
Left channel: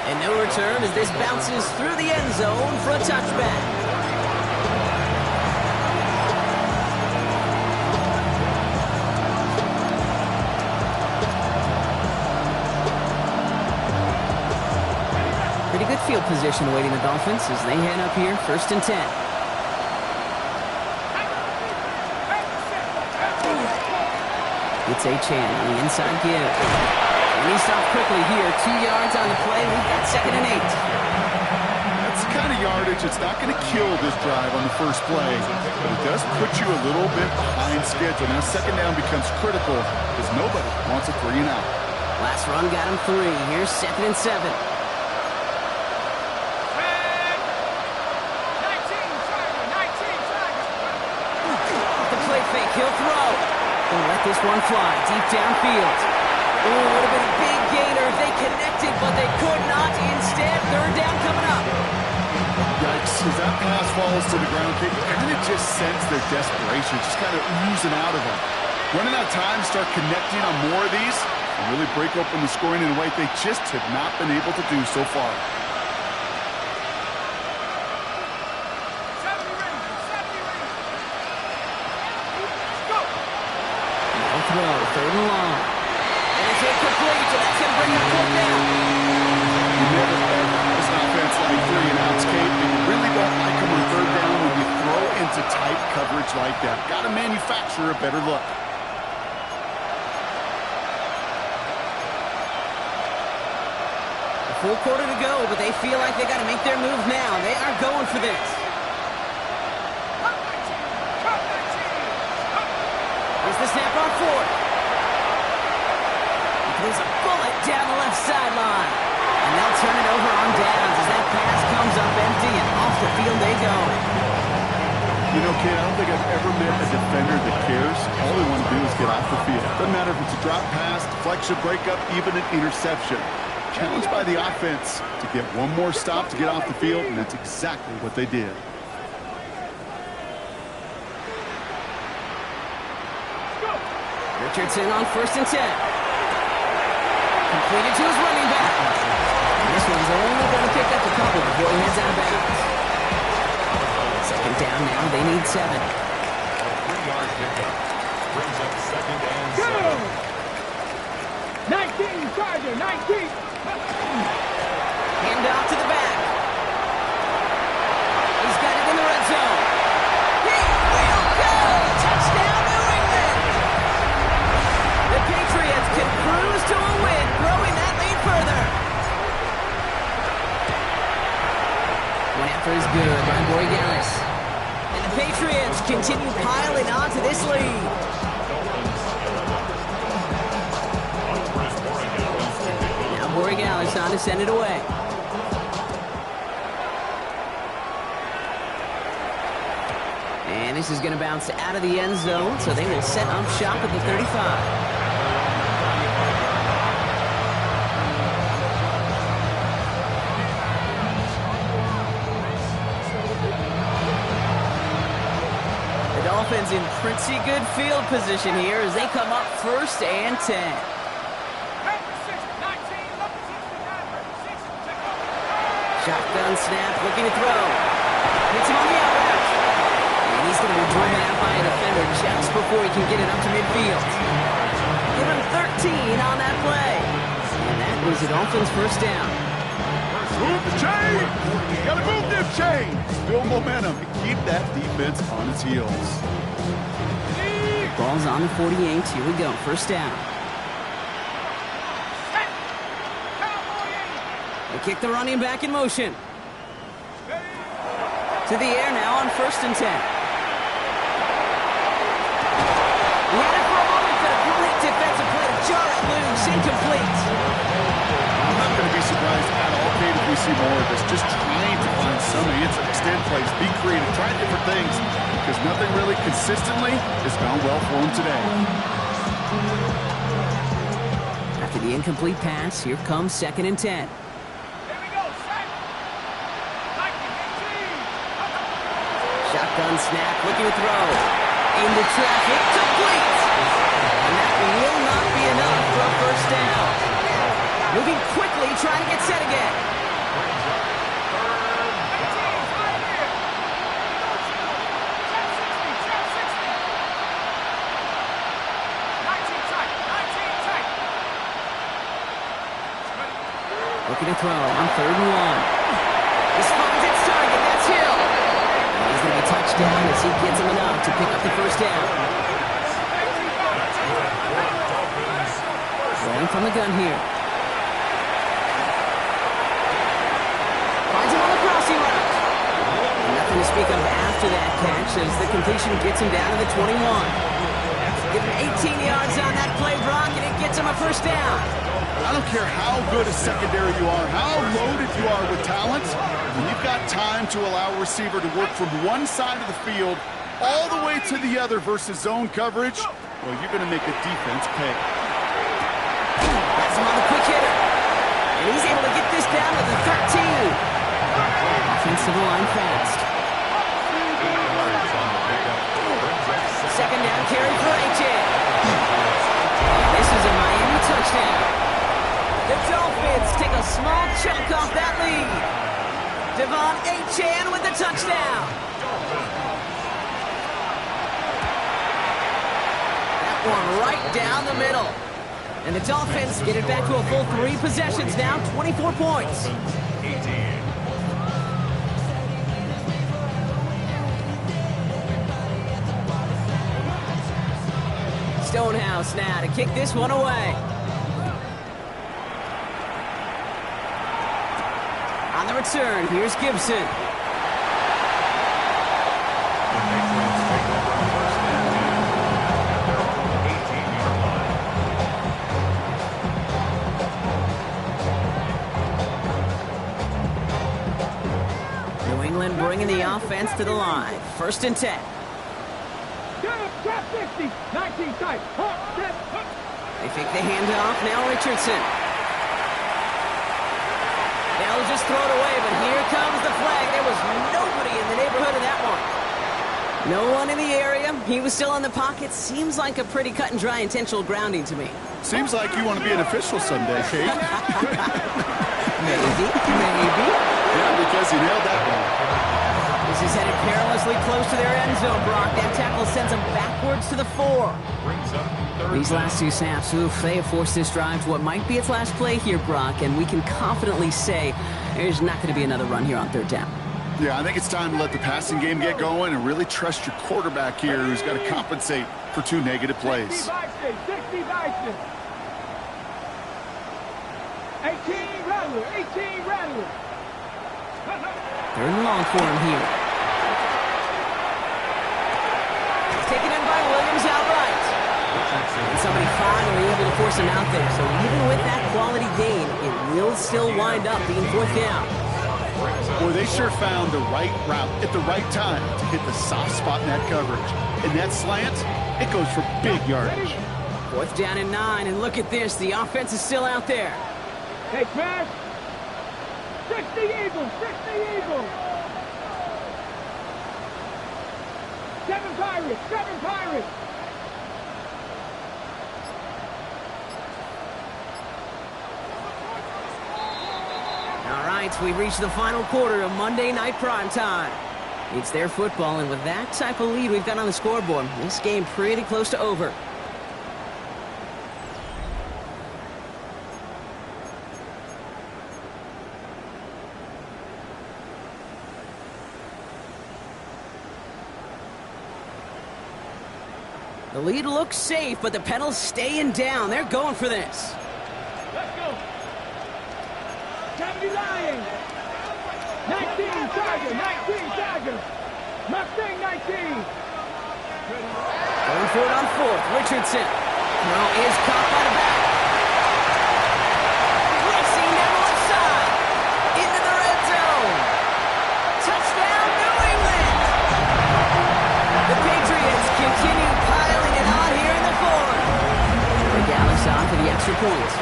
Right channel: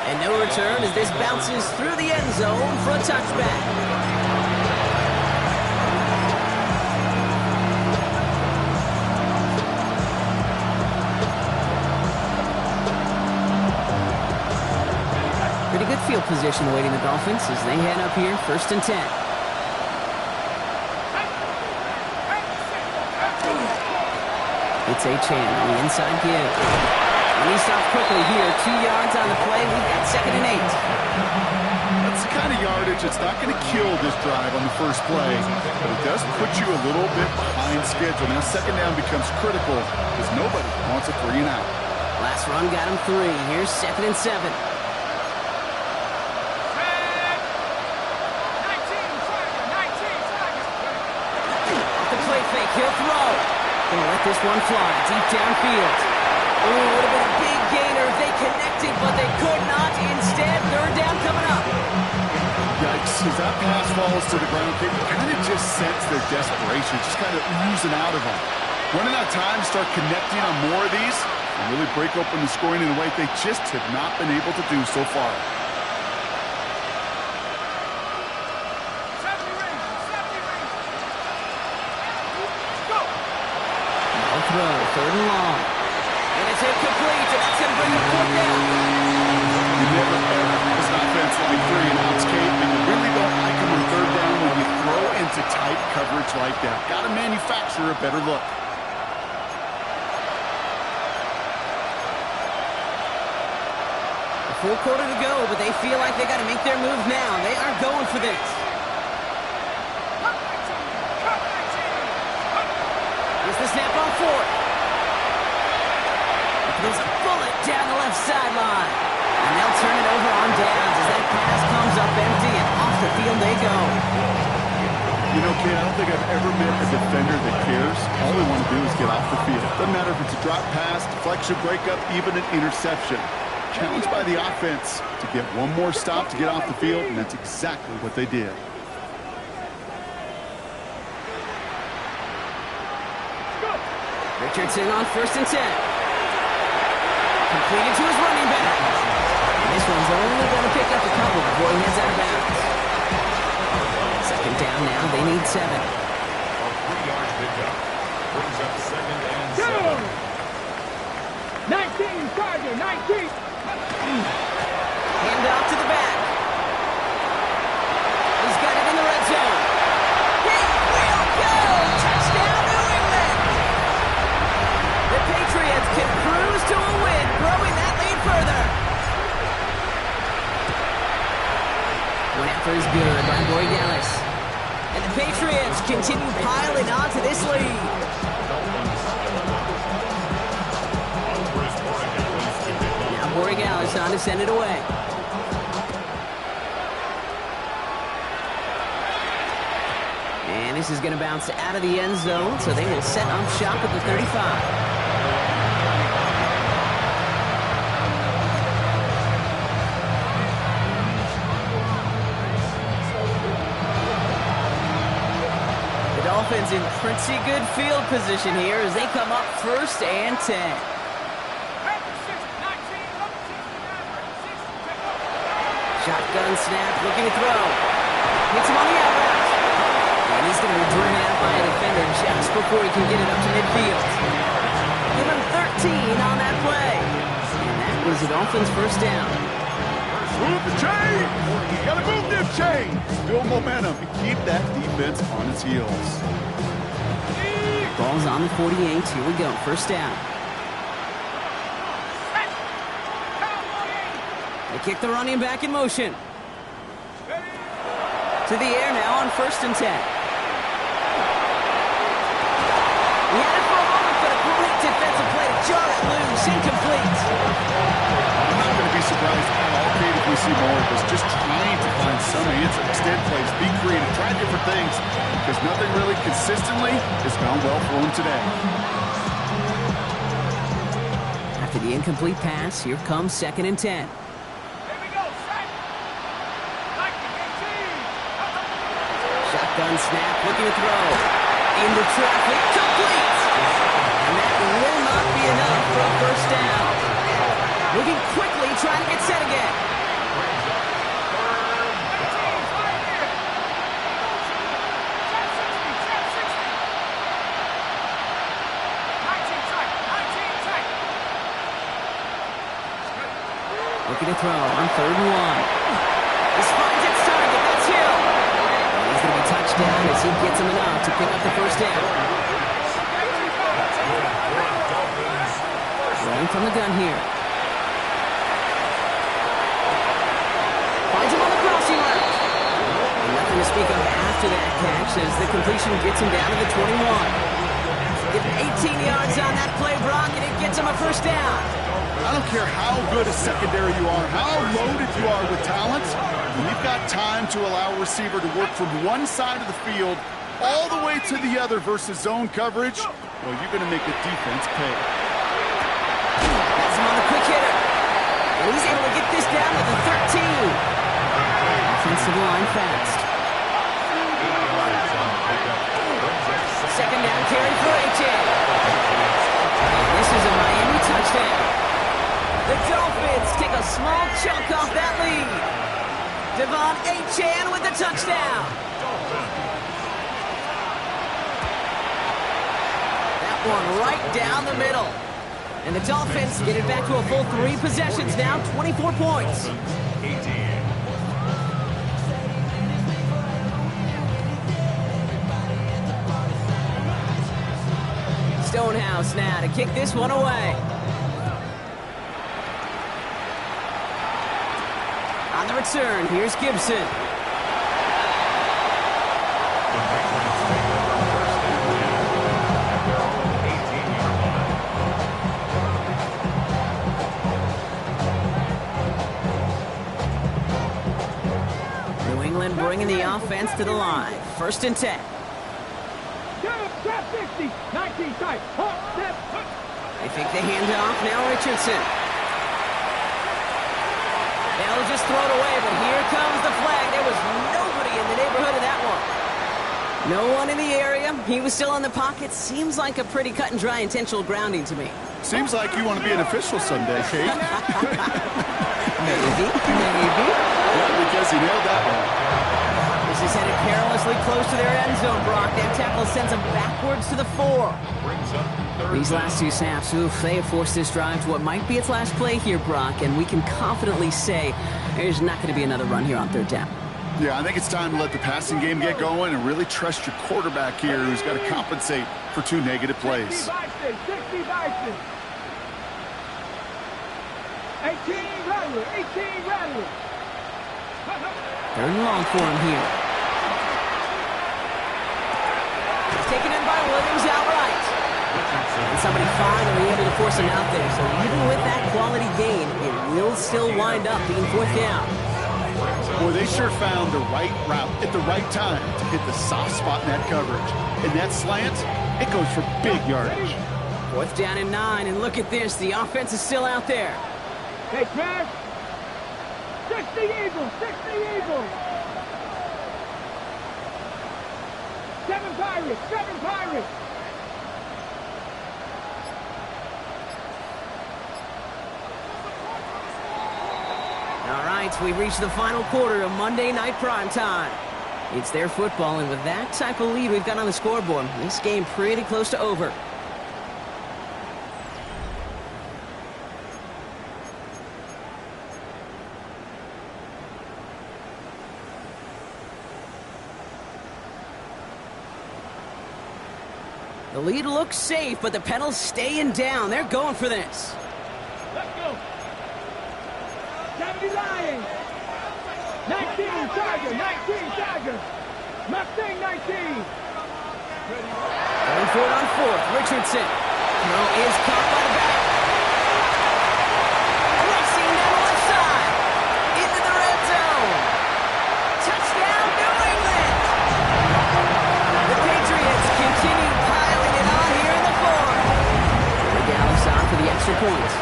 And no return as this bounces through the end zone for a touchback. Pretty good field position awaiting the Dolphins as they head up here, 1st and 10. It's Achane on the inside give. And he stopped quickly here. 2 yards on the play. We've got 2nd and 8. That's the kind of yardage that's not going to kill this drive on the first play, but it does put you a little bit behind schedule. Now 2nd down becomes critical because nobody wants a 3 and out. Last run got him 3. Here's 2nd and 7. Fake, he'll throw. Gonna let this one fly deep downfield. Ooh, would have been a big gainer if they connected, but they could not. Instead, 3rd down coming up. Yikes, as that pass falls to the ground, Kate, you kind of just sense their desperation, just kind of oozing out of them. Running out of time to start connecting on more of these and really break open the scoring in a way they just have not been able to do so far. Throw, 3rd and long. And it's incomplete, and that's going to bring the 4th down. You never ever miss an offense like 3 and outs, Kate, but you really don't like them on 3rd down when you throw into tight coverage like that. Got to manufacture a better look. A full quarter to go, but they feel like they got to make their move now. They are going for this. Here's the snap on 4th. There's a bullet down the left sideline. And they'll turn it over on downs as that pass comes up empty and off the field they go. You know, Kate, I don't think I've ever met a defender that cares. All they want to do is get off the field. Doesn't matter if it's a drop pass, deflection, breakup, even an interception. Challenged by the offense to get one more stop to get off the field, and that's exactly what they did. Richardson on 1st and 10. Completed to his running back. And this one's only going to pick up a couple before he heads out of bounds. Second down now. They need 7. A 3-yard pickup. Brings up second and 7. 19, Charger, 19. Hand off to the back. He's got it in the red zone. He will go! Touchdown, New England! The Patriots can cruise to a win, growing that lead further. One after is good by Borregales. And the Patriots continue piling on to this lead. Dolphins 11. Andres Borregales to pick up. Now Borregales on to send it away. And this is going to bounce out of the end zone, so they will set up shop at the 35. The Dolphins in pretty good field position here as they come up 1st and 10. Shotgun snap, looking to throw. Hits him on the out route. And he's going to be driven out by a defender just before he can get it up to midfield. Give him 13 on that play. And that was the Dolphins' first down. Move the chains! Gotta move them chains! Build momentum and keep that defense on its heels. Ball's on the 48. Here we go. First down. They kick the running back in motion. To the air now on 1st and 10. He had it for a moment, but a great defensive play to jar it loose. Incomplete. I'm not going to be surprised at all, Kate, if we see more of this. Just trying to find some answer, extend plays, be creative, try different things, because nothing really consistently has gone well for him today. After the incomplete pass, here comes 2nd and 10. Shotgun snap, looking to throw. Into traffic, complete! And that will not be enough for a first down. Moving quickly, trying to get set again. Looking to throw on 3rd and 1. This finds its target, that's Hill. He's going to be touched down as he gets him enough to pick up the first down. Rolling from the gun here. Finds him on the crossing route. And nothing to speak of after that catch as the completion gets him down to the 21. Give him 18 yards on that play, Brock, and it gets him a first down. I don't care how good a secondary you are, how loaded you are with talent, when you've got time to allow a receiver to work from one side of the field all the way to the other versus zone coverage, well, you're going to make a defense pay. That's him on the quick hitter. And he's able to get this down to the 13. Offensive line fast. 2nd down carry for Achane. And this is a Miami touchdown. The Dolphins take a small chunk off that lead. Devon Achane with the touchdown. That one right down the middle. And the Dolphins get it back to a full 3 possessions now, 24 points. 18. Stonehouse now to kick this one away. On the return, here's Gibson. The Patriots take over 1st and 10 at their own 18-yard line. New England bringing the offense to the line. 1st and 10. Trap 60, 19 tight, step. They fake the handoff, now Richardson. They'll just throw it away, but here comes the flag. There was nobody in the neighborhood of that one. No one in the area. He was still in the pocket. Seems like a pretty cut and dry intentional grounding to me. Seems like you want to be an official someday, Kate. Maybe. Yeah, because you nailed that one. This is headed perilously close to their end zone, Brock. That tackle sends them backwards to the 4. Brings up third These down. last 2 snaps, they have forced this drive to what might be its last play here, Brock, and we can confidently say there's not going to be another run here on 3rd down. Yeah, I think it's time to let the passing game get going and really trust your quarterback here, who's got to compensate for 2 negative plays. 60 Bison. 18 Rattler. 18 Rattler. 3rd and long for him here. It's taken in by Williams outright. And somebody finally able to force him out there. So even with that quality gain, it will still wind up being 4th down. Boy, they sure found the right route at the right time to hit the soft spot in that coverage. And that slant, it goes for big yardage. 4th down and 9, and look at this. The offense is still out there. Hey, smash. 60 Eagles. 60 Eagles. 7 Pirates. 7 Pirates. All right, we've reached the final quarter of Monday Night Primetime. It's their football, and with that type of lead we've got on the scoreboard, this game pretty close to over. The lead looks safe, but the pedal's staying down. They're going for this. Let's go. 70 Lions. 19 Tiger. 19 Tiger. Mustang 19. Going for it on 4th. Richardson. Throw is caught by the back. Racing down the left side. Into the red zone. Touchdown, New England. The Patriots continue piling it on here in the 4th. Regales on for the extra point.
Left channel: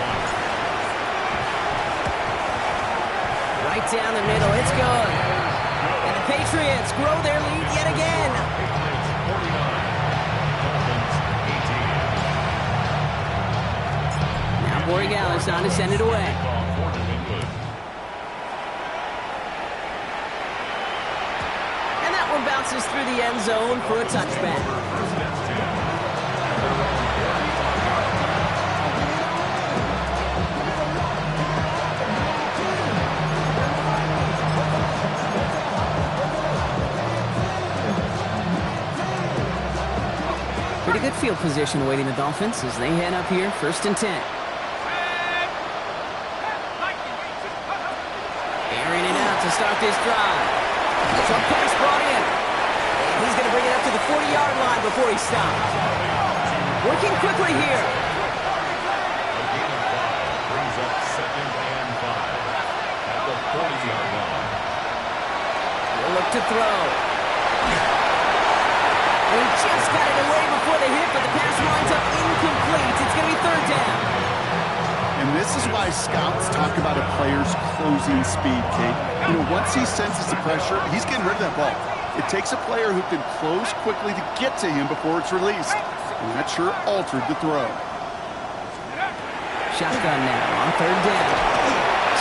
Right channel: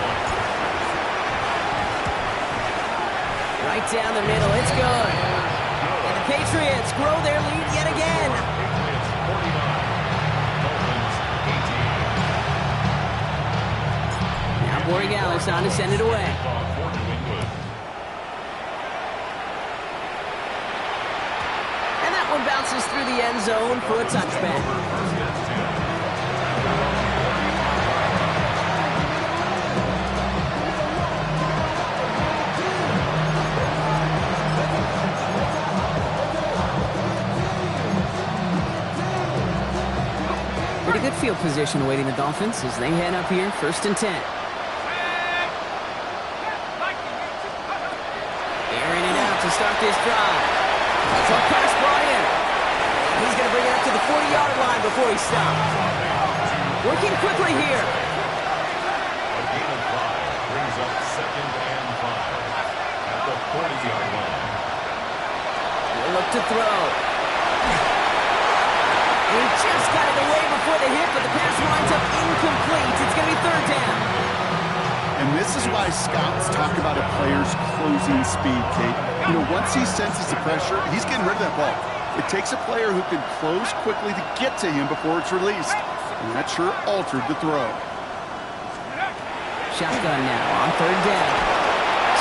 Right down the middle. It's good. And the Patriots grow their lead yet again. Patriots 49, Dolphins 18. Now Borregales on to send it away. Kickoff for New England. And that one bounces through the end zone for a touchback. First and 10. At their own 45-yard line. Pretty good field position awaiting the Dolphins as they head up here, 1st and 10. Airing it out to start this drive. A tough pass brought in. And he's going to bring it up to the 40-yard line before he stops. Working quickly here. A gain of 5 brings up 2nd and 5 at the 40-yard line. He'll look to throw. He just got it away before the hit, but the pass winds up incomplete. It's going to be 3rd down. And this is why scouts talk about a player's closing speed, Kate. You know, once he senses the pressure, he's getting rid of that ball. It takes a player who can close quickly to get to him before it's released. And that sure altered the throw. Shotgun now on 3rd down.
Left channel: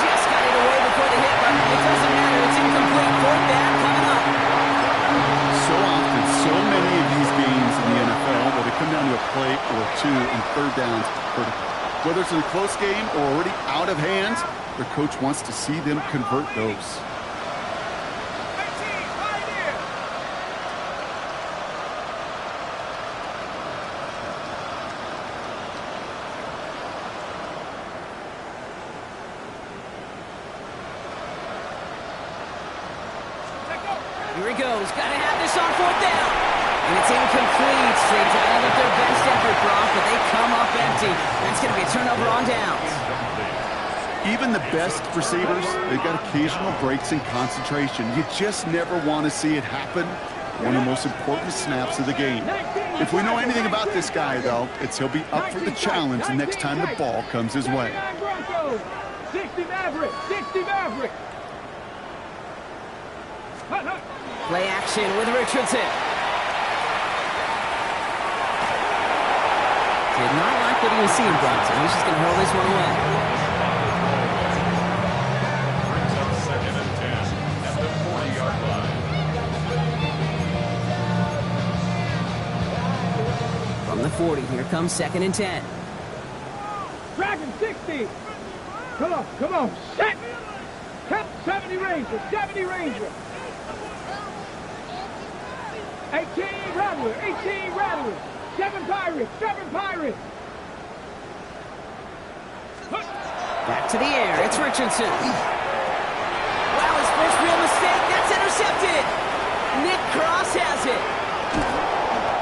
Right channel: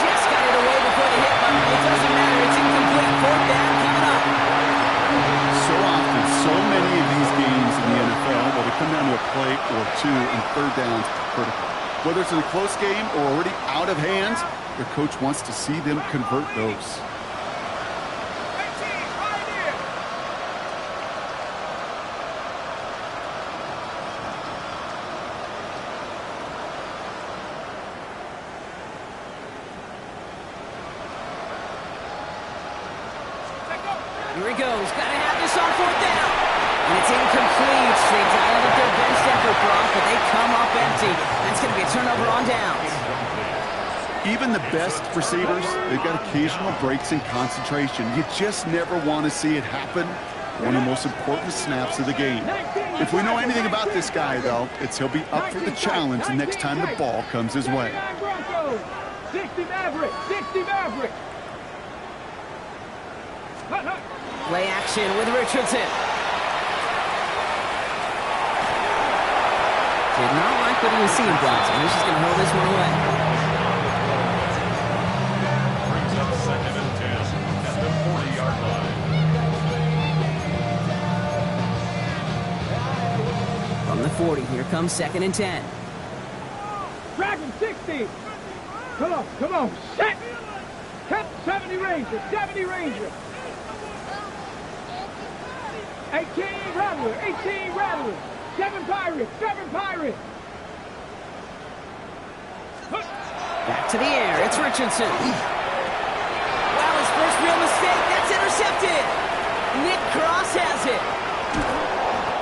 Just got it away before the hit, but it doesn't matter. It's incomplete. 4th down coming up. So often, so many of these games in the NFL where they come down to a play or 2 and 3rd downs critical. Whether it's in a close game or already out of hand, their coach wants to see them convert those. Here he goes. Got to have this on 4th down. And it's incomplete. They dialed up their best effort, Brock, but they come up empty. That's going to be a turnover on downs. Even the best receivers, they've got occasional breaks in concentration. You just never want to see it happen. One of the most important snaps of the game. If we know anything about this guy, though, it's he'll be up for the challenge the next time the ball comes his way. 60 Maverick. 60 Maverick. Play action with Richardson. Did not like what he was seeing, Bronson. He's just going to hurl this one away. Brings up 2nd and 10 at the 40-yard line. From the 40, here comes 2nd and 10. Dragon 60. Come on, set. Count 70 Ranger, 70 Ranger. 18 Rattler, 18 Rattler. 7 Pirates, 7 Pirates. Back to the air, it's Richardson. Wow, his first real mistake, that's intercepted. Nick Cross has it.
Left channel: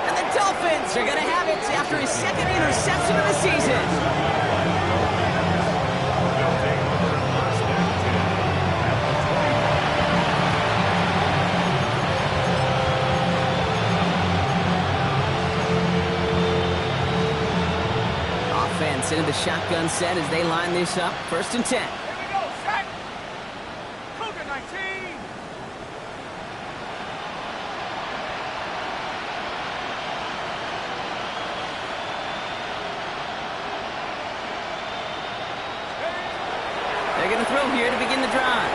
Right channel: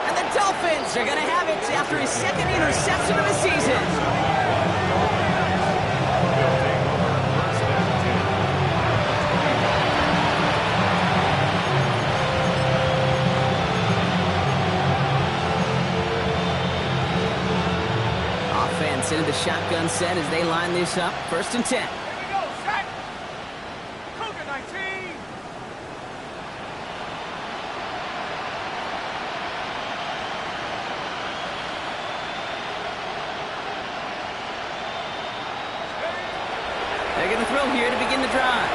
And the Dolphins are going to have it after his 2nd interception of the season. They'll take over 1st and 10 at the 20. Offense into the shotgun set as they line this up. 1st and 10. Here we go, set. Cougar 19. They're going to throw here to begin the drive.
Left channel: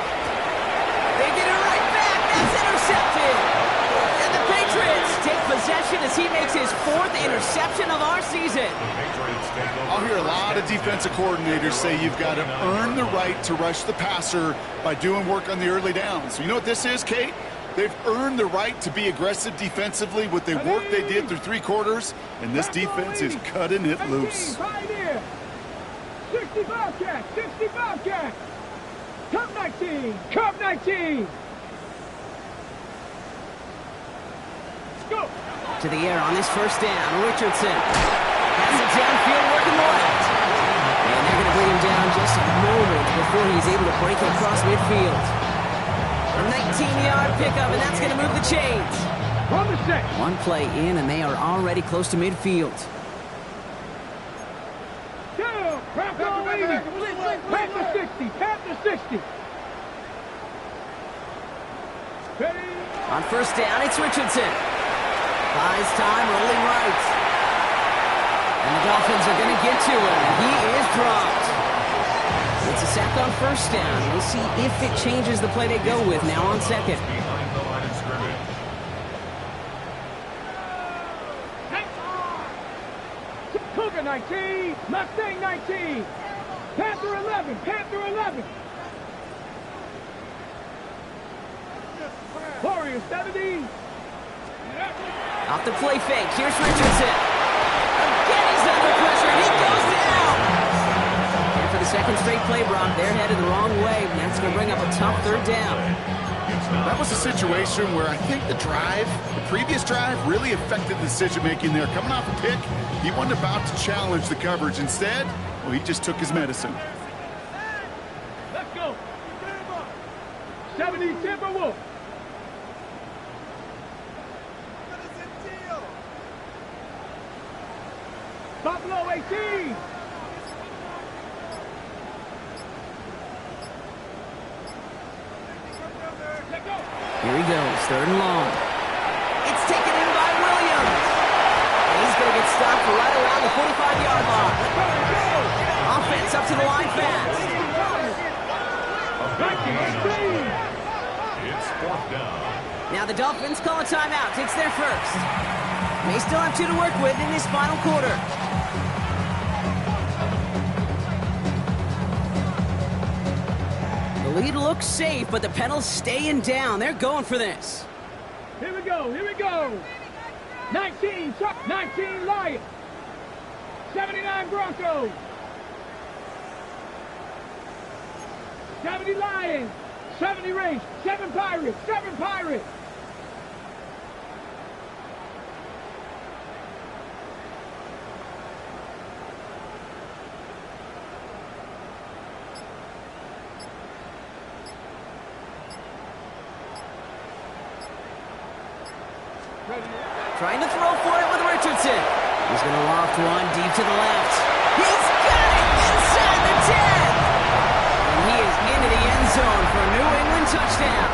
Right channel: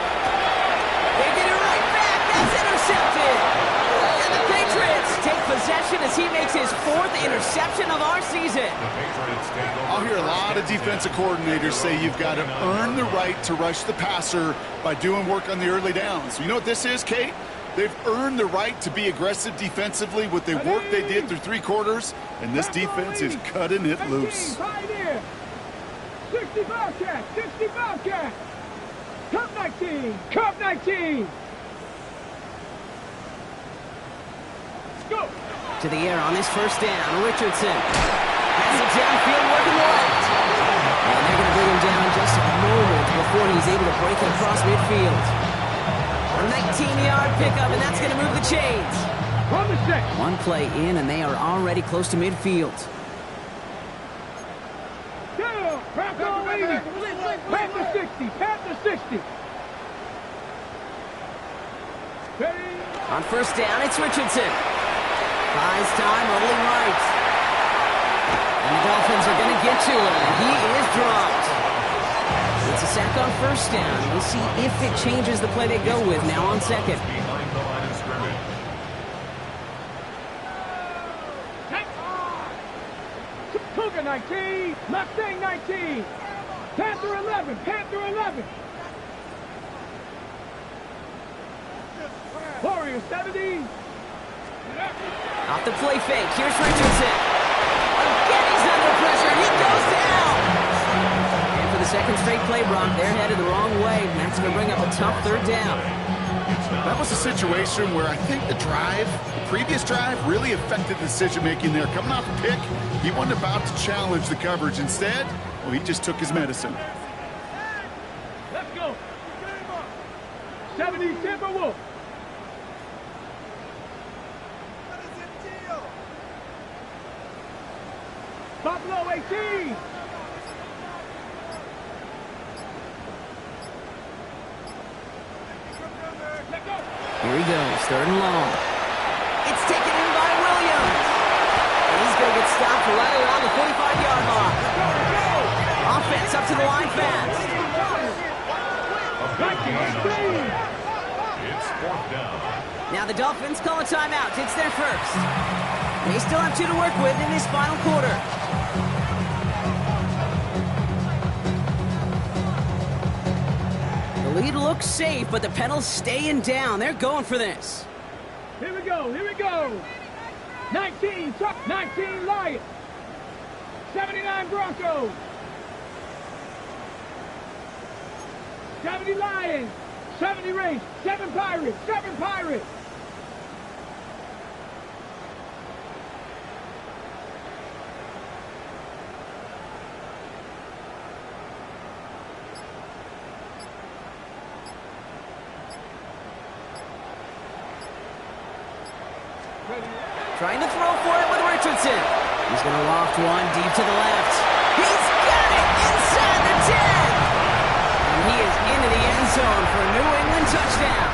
They get it right back. That's intercepted. And the Patriots take possession as he makes his 4th interception of our season. The Patriots take over. I'll hear a lot of defensive coordinators say you've got to earn the right to rush the passer by doing work on the early downs. You know what this is, Kate? They've earned the right to be aggressive defensively with the work they did through 3 quarters, and this defense is cutting it loose. pioneer. 60 Bobcats, 60 Bobcats. Cup 19, Cup 19. Go. To the air on this 1st down. Richardson has it downfield working the left. And they're going to bring him down just a moment before he's able to break it across midfield. A 19-yard pickup, and that's going to move the chains. From the set. One play in, and they are already close to midfield. Down. Panther 80. Panther 60. Panther 60. Ready. On 1st down, it's Richardson. Buys time, rolling right. And the Dolphins are going to get to him, and he is dropped. It's a sack on 1st down. We'll see if it changes the play they go with now on 2nd. Behind the line of scrimmage. Cougar 19. Mustang 19. Panther 11. Panther 11. Warrior 70. Off the play fake, here's Richardson. Again, he's under pressure, and he goes down. And for the 2nd straight play, Brock, they're headed the wrong way, and that's going to bring up a tough 3rd down. That was a situation where I think the previous drive, really affected the decision-making there. Coming off a pick, he wasn't about to challenge the coverage. Instead, well, he just took his medicine. Let's go. 70 Timberwolf. Buffalo 18. Here he goes, 3rd and long. It's taken in by Williams. And he's going to get stopped right around the 45-yard line. Offense up to the line fast. It's 4th down. Now the Dolphins call a timeout. It's their 1st. They still have 2 to work with in this final quarter. The lead looks safe, but the pedals staying down. They're going for this. Here we go. 19 Lions. 79 Broncos. 70 Lions. 70 Rangers. 7 Pirates. 7 Pirates. Trying to throw for it with Richardson. He's going to loft one deep to the left. He's got it inside the 10. And he is into the end zone for a New England touchdown.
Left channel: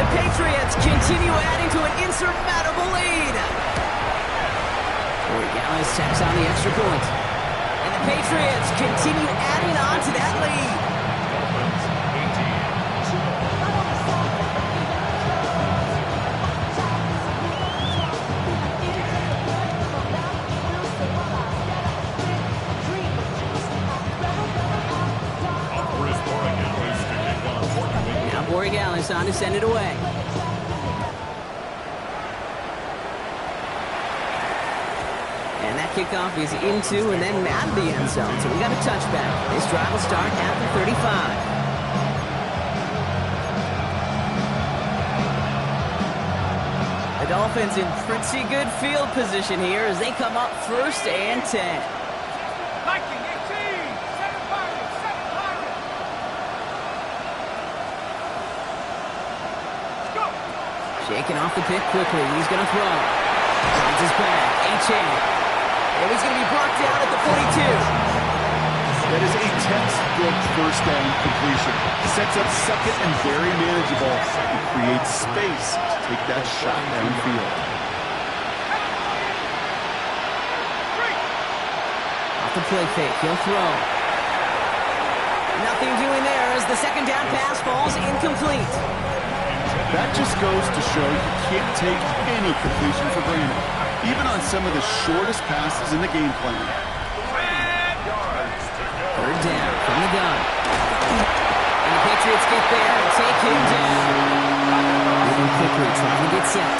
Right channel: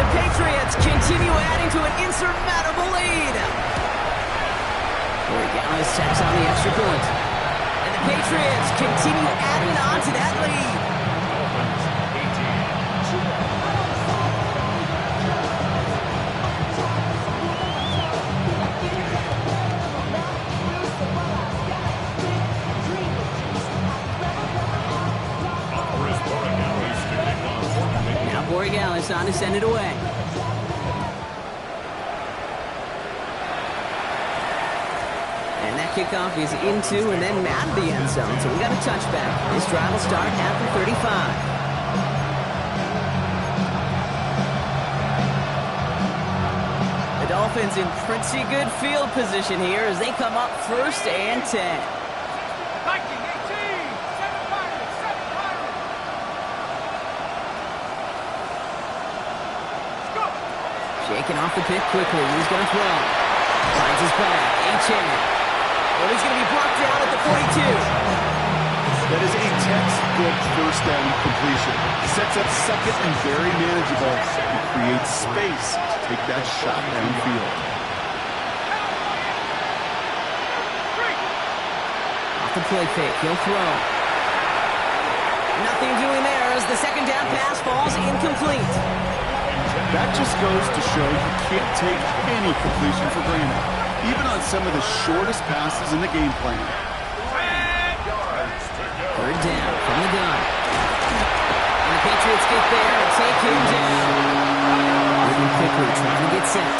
The Patriots continue adding to an insurmountable lead. Borregales tacks on the extra point. And the Patriots continue adding on to that lead. Dolphins 18. Chris Borregales to kick on fourth and 8. Now Borregales on to send it away. And that kickoff is into and then out of the end zone. So we got a touchback. This drive will start at the 35. The Dolphins in pretty good field position here as they come up 1st and 10. Viking 18, 7 Pirates, 7 Pirates. Let's go. Shaking off the pick quickly. He's going to throw. Finds his back. Achane. And he's going to be brought down at the 42. That is a textbook first down completion. Sets up second and very manageable and creates space to take that shot downfield. Off the play fake, he'll throw. Nothing doing there as the second down pass falls incomplete. That just goes to show you can't take any completion for granted, even on some of the shortest passes in the game plan. 3rd down from the gun. And the Patriots get there and take him down. Moving quickly, trying to get set.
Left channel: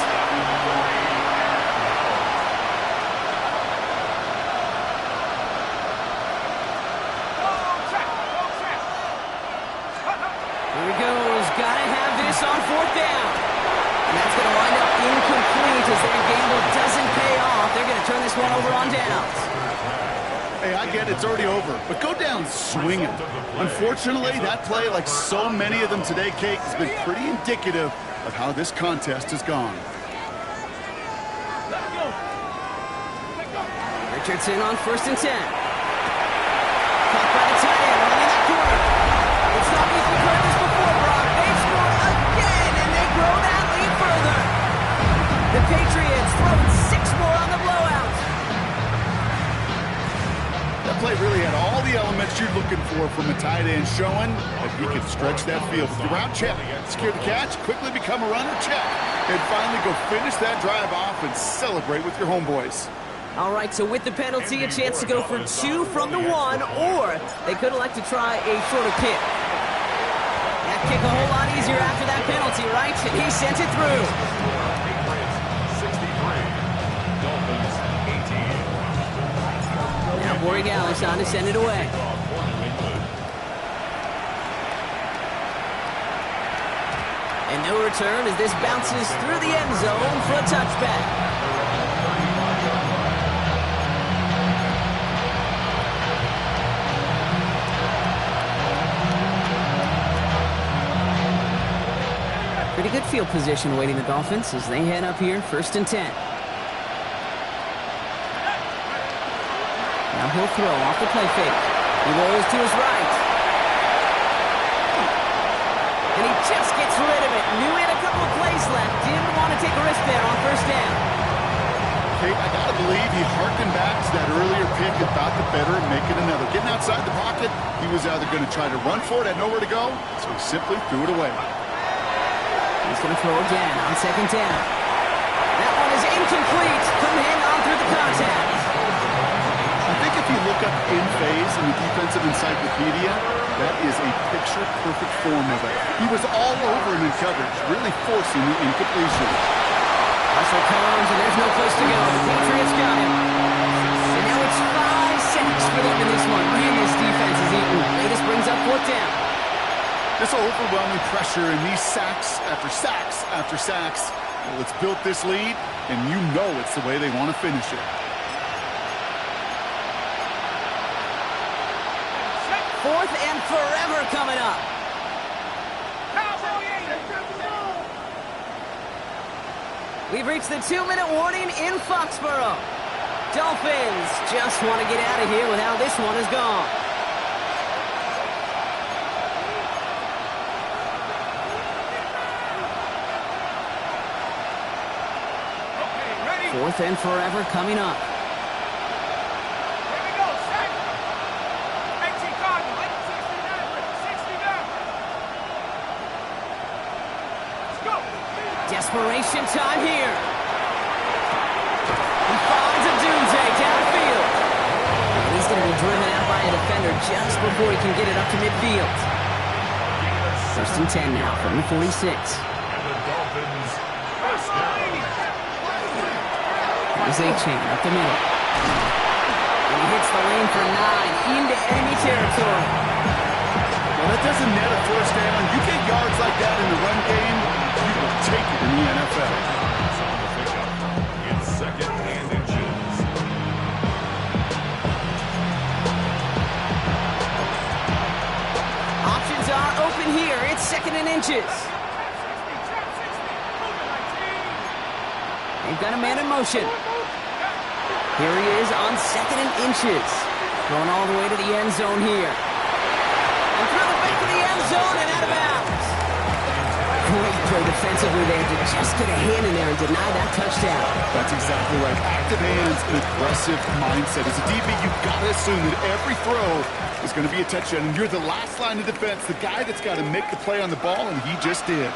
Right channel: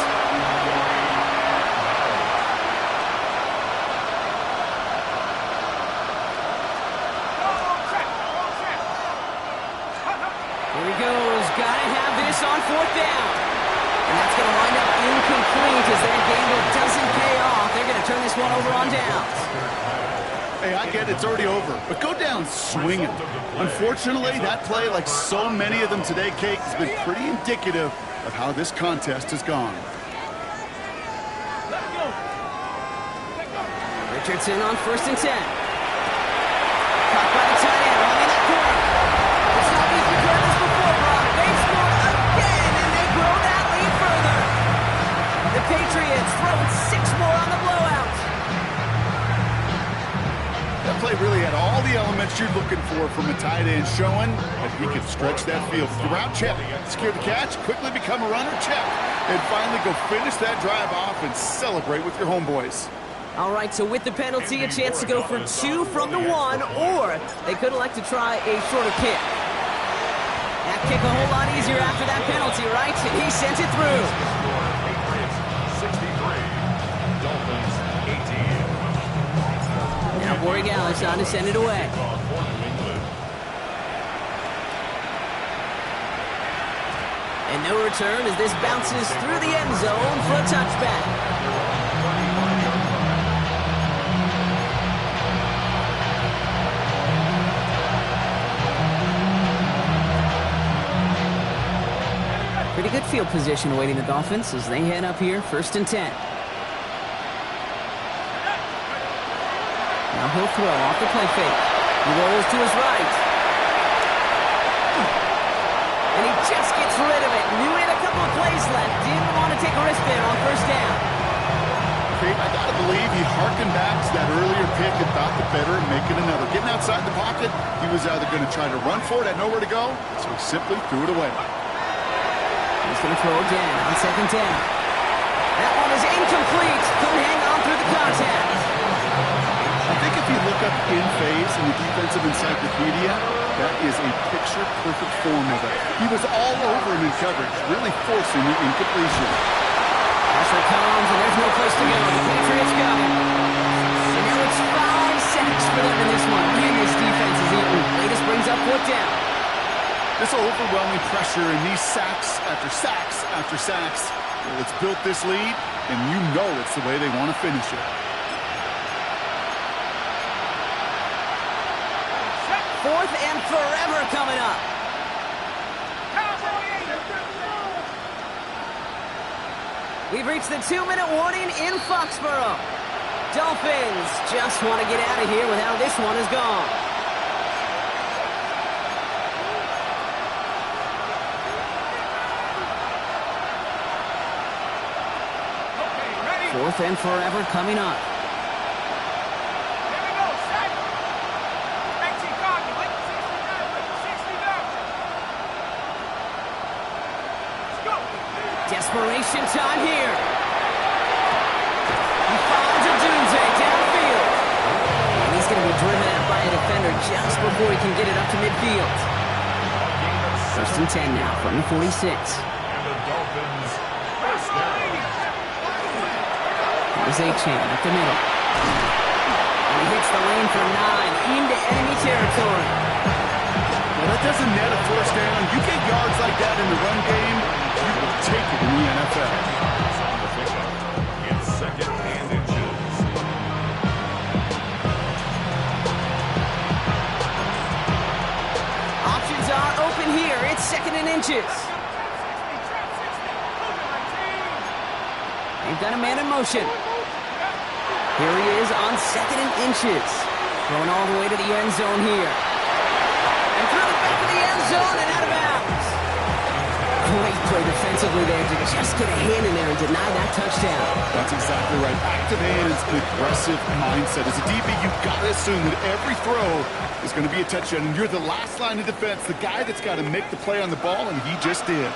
Here he goes. Gotta have this on 4th down. And that's going to wind up incomplete as their gamble doesn't pay off. They're going to turn this one over on downs. Hey, I get it's already over, but go down swinging. Unfortunately, that play, like so many of them today, Kate, has been pretty indicative of how this contest has gone. Richardson on 1st and 10. Caught by the tight end, running that corner. It's not easy to heard this before, Brock. They've scored again, and they grow that lead further. The Patriots throwing 6 more on the blowout. That play really had all the elements you're looking for from a tight end, showing that he can stretch that field. With the route, check. Secure the catch, quickly become a runner, check. And finally go finish that drive off and celebrate with your homeboys. All right, so with the penalty, a chance to go for 2 from the 1, or they could elect to try a shorter kick. That kick a whole lot easier after that penalty, right? And he sent it through. Patriots 63, Dolphins 18. Now Borregales on to send it away. And no return as this bounces through the end zone for a touchback. Pretty good field position awaiting the Dolphins as they head up here, 1st and 10. Now he'll throw off the play fake. He rolls to his right. And he just gets rid of it. Knew he had a couple of plays left. Didn't want to take a risk there on 1st down. Kate, I got to believe he harkened back to that earlier pick and thought the better of making another. Getting outside the pocket, he was either going to try to run for it, had nowhere to go, so he simply threw it away. He's going to throw again on 2nd down. That one is incomplete. Couldn't hang on through the contact. I think if you look up in phase in the defensive encyclopedia, that is a picture-perfect form of it. He was all over him in coverage, really forcing the incompletion. Pressure comes, and there's no place to go. The Patriots got him. And now it's 5 sacks for them in this one. Man, this defense is eating. Latest brings up 4th down. This overwhelming pressure and these sacks after sacks after sacks, well, it's built this lead, and you know it's the way they want to finish it. 4th and forever coming up. We've reached the 2-minute warning in Foxborough. Dolphins just want to get out of here with how this one has gone. Okay, ready? 4th and forever coming up. Desperation time here. He finds Odunze downfield. And he's going to be driven out by a defender just before he can get it up to midfield. First and 10 now from the 46. And the Dolphins first down. Here's A-Chain up the middle. And he hits the lane for 9 into enemy territory. Well, that doesn't net a first down. You get yards like that in the run game, you will take it in the NFL. It's on the pickup. It's second and inches. Options are open here. It's second and inches. They've got a man in motion. Here he is on second and inches. Going all the way to the end zone here. And through the back of the end zone and out of bounds. Great play defensively there to just get a hand in there and deny that touchdown. That's exactly right. Active hands, an aggressive mindset. As a DB, you've got to assume that every throw is going to be a touchdown, and you're the last line of defense, the guy that's got to make the play on the ball, and he just did.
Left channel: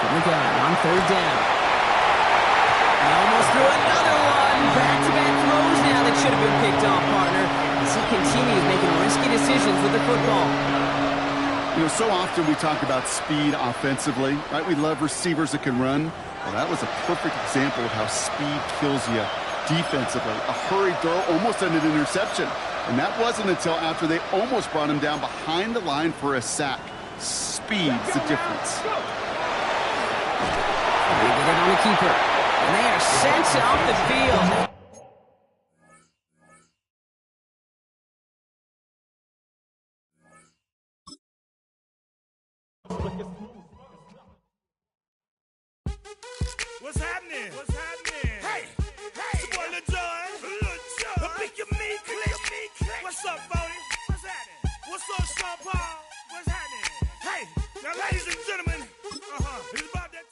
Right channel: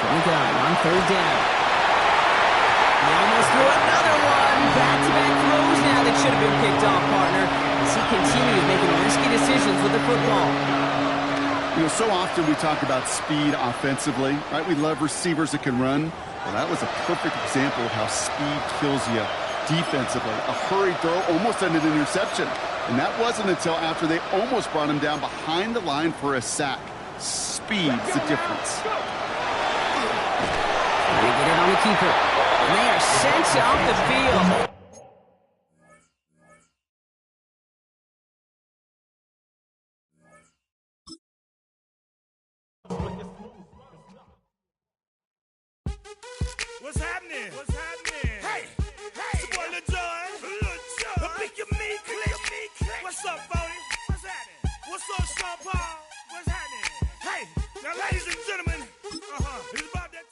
From the gun on third down. He almost threw another one. Back-to-back throws now that should have been picked off, partner, as he continues making risky decisions with the football. You know, so often we talk about speed offensively, right? We love receivers that can run. Well, that was a perfect example of how speed kills you defensively. A hurried throw almost ended an interception. And that wasn't until after they almost brought him down behind the line for a sack. Speed's the difference. Trying to get it on the keeper. And they are sent off the field. What's happening? What's happening? Hey, hey, it's your boy Lil Jon. Pick your meat, click. What's up, Bodie? What's happening? What's up, Sean Paul? What's happening? Hey, now, ladies and gentlemen, it's about that.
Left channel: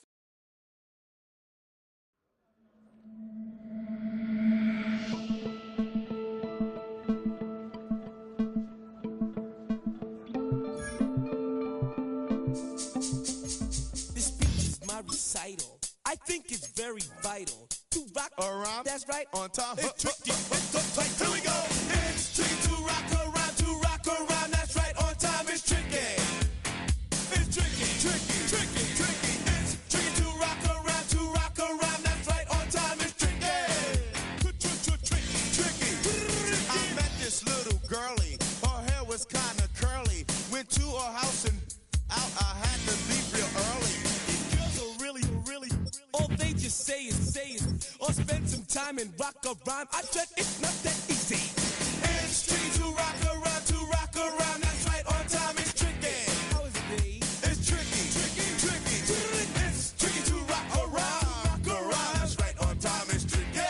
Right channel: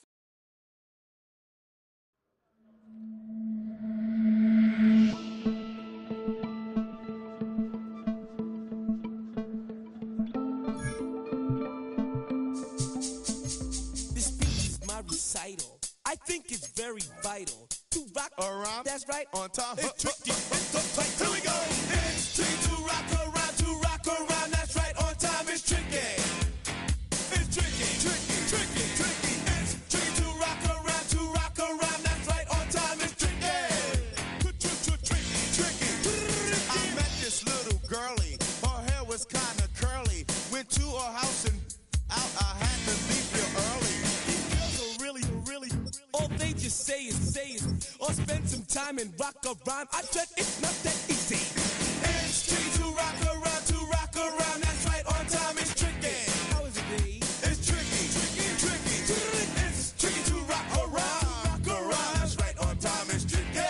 This speech is my recital. I think it's very vital to rock around. That's right. On time. It's tricky. It's the fight. Here we go. It's tricky to rock around. To rock around. That's right. On time. It's tricky. It's tricky. Tricky. Tricky. Tricky. It's tricky to rock around. To rock around. That's right. On time. It's tricky. Tricky. Tricky. I met this little girlie. Her hair was kind of curly. Went to her house and out. I had to leave real early. These girls are really. All they just say is, or spend some time and rock a rhyme. I bet it's not that easy. It's tricky to rock around. That's right, on time it's tricky. How is it, babe? It's tricky. It's tricky to rock around. That's right, on time it's tricky.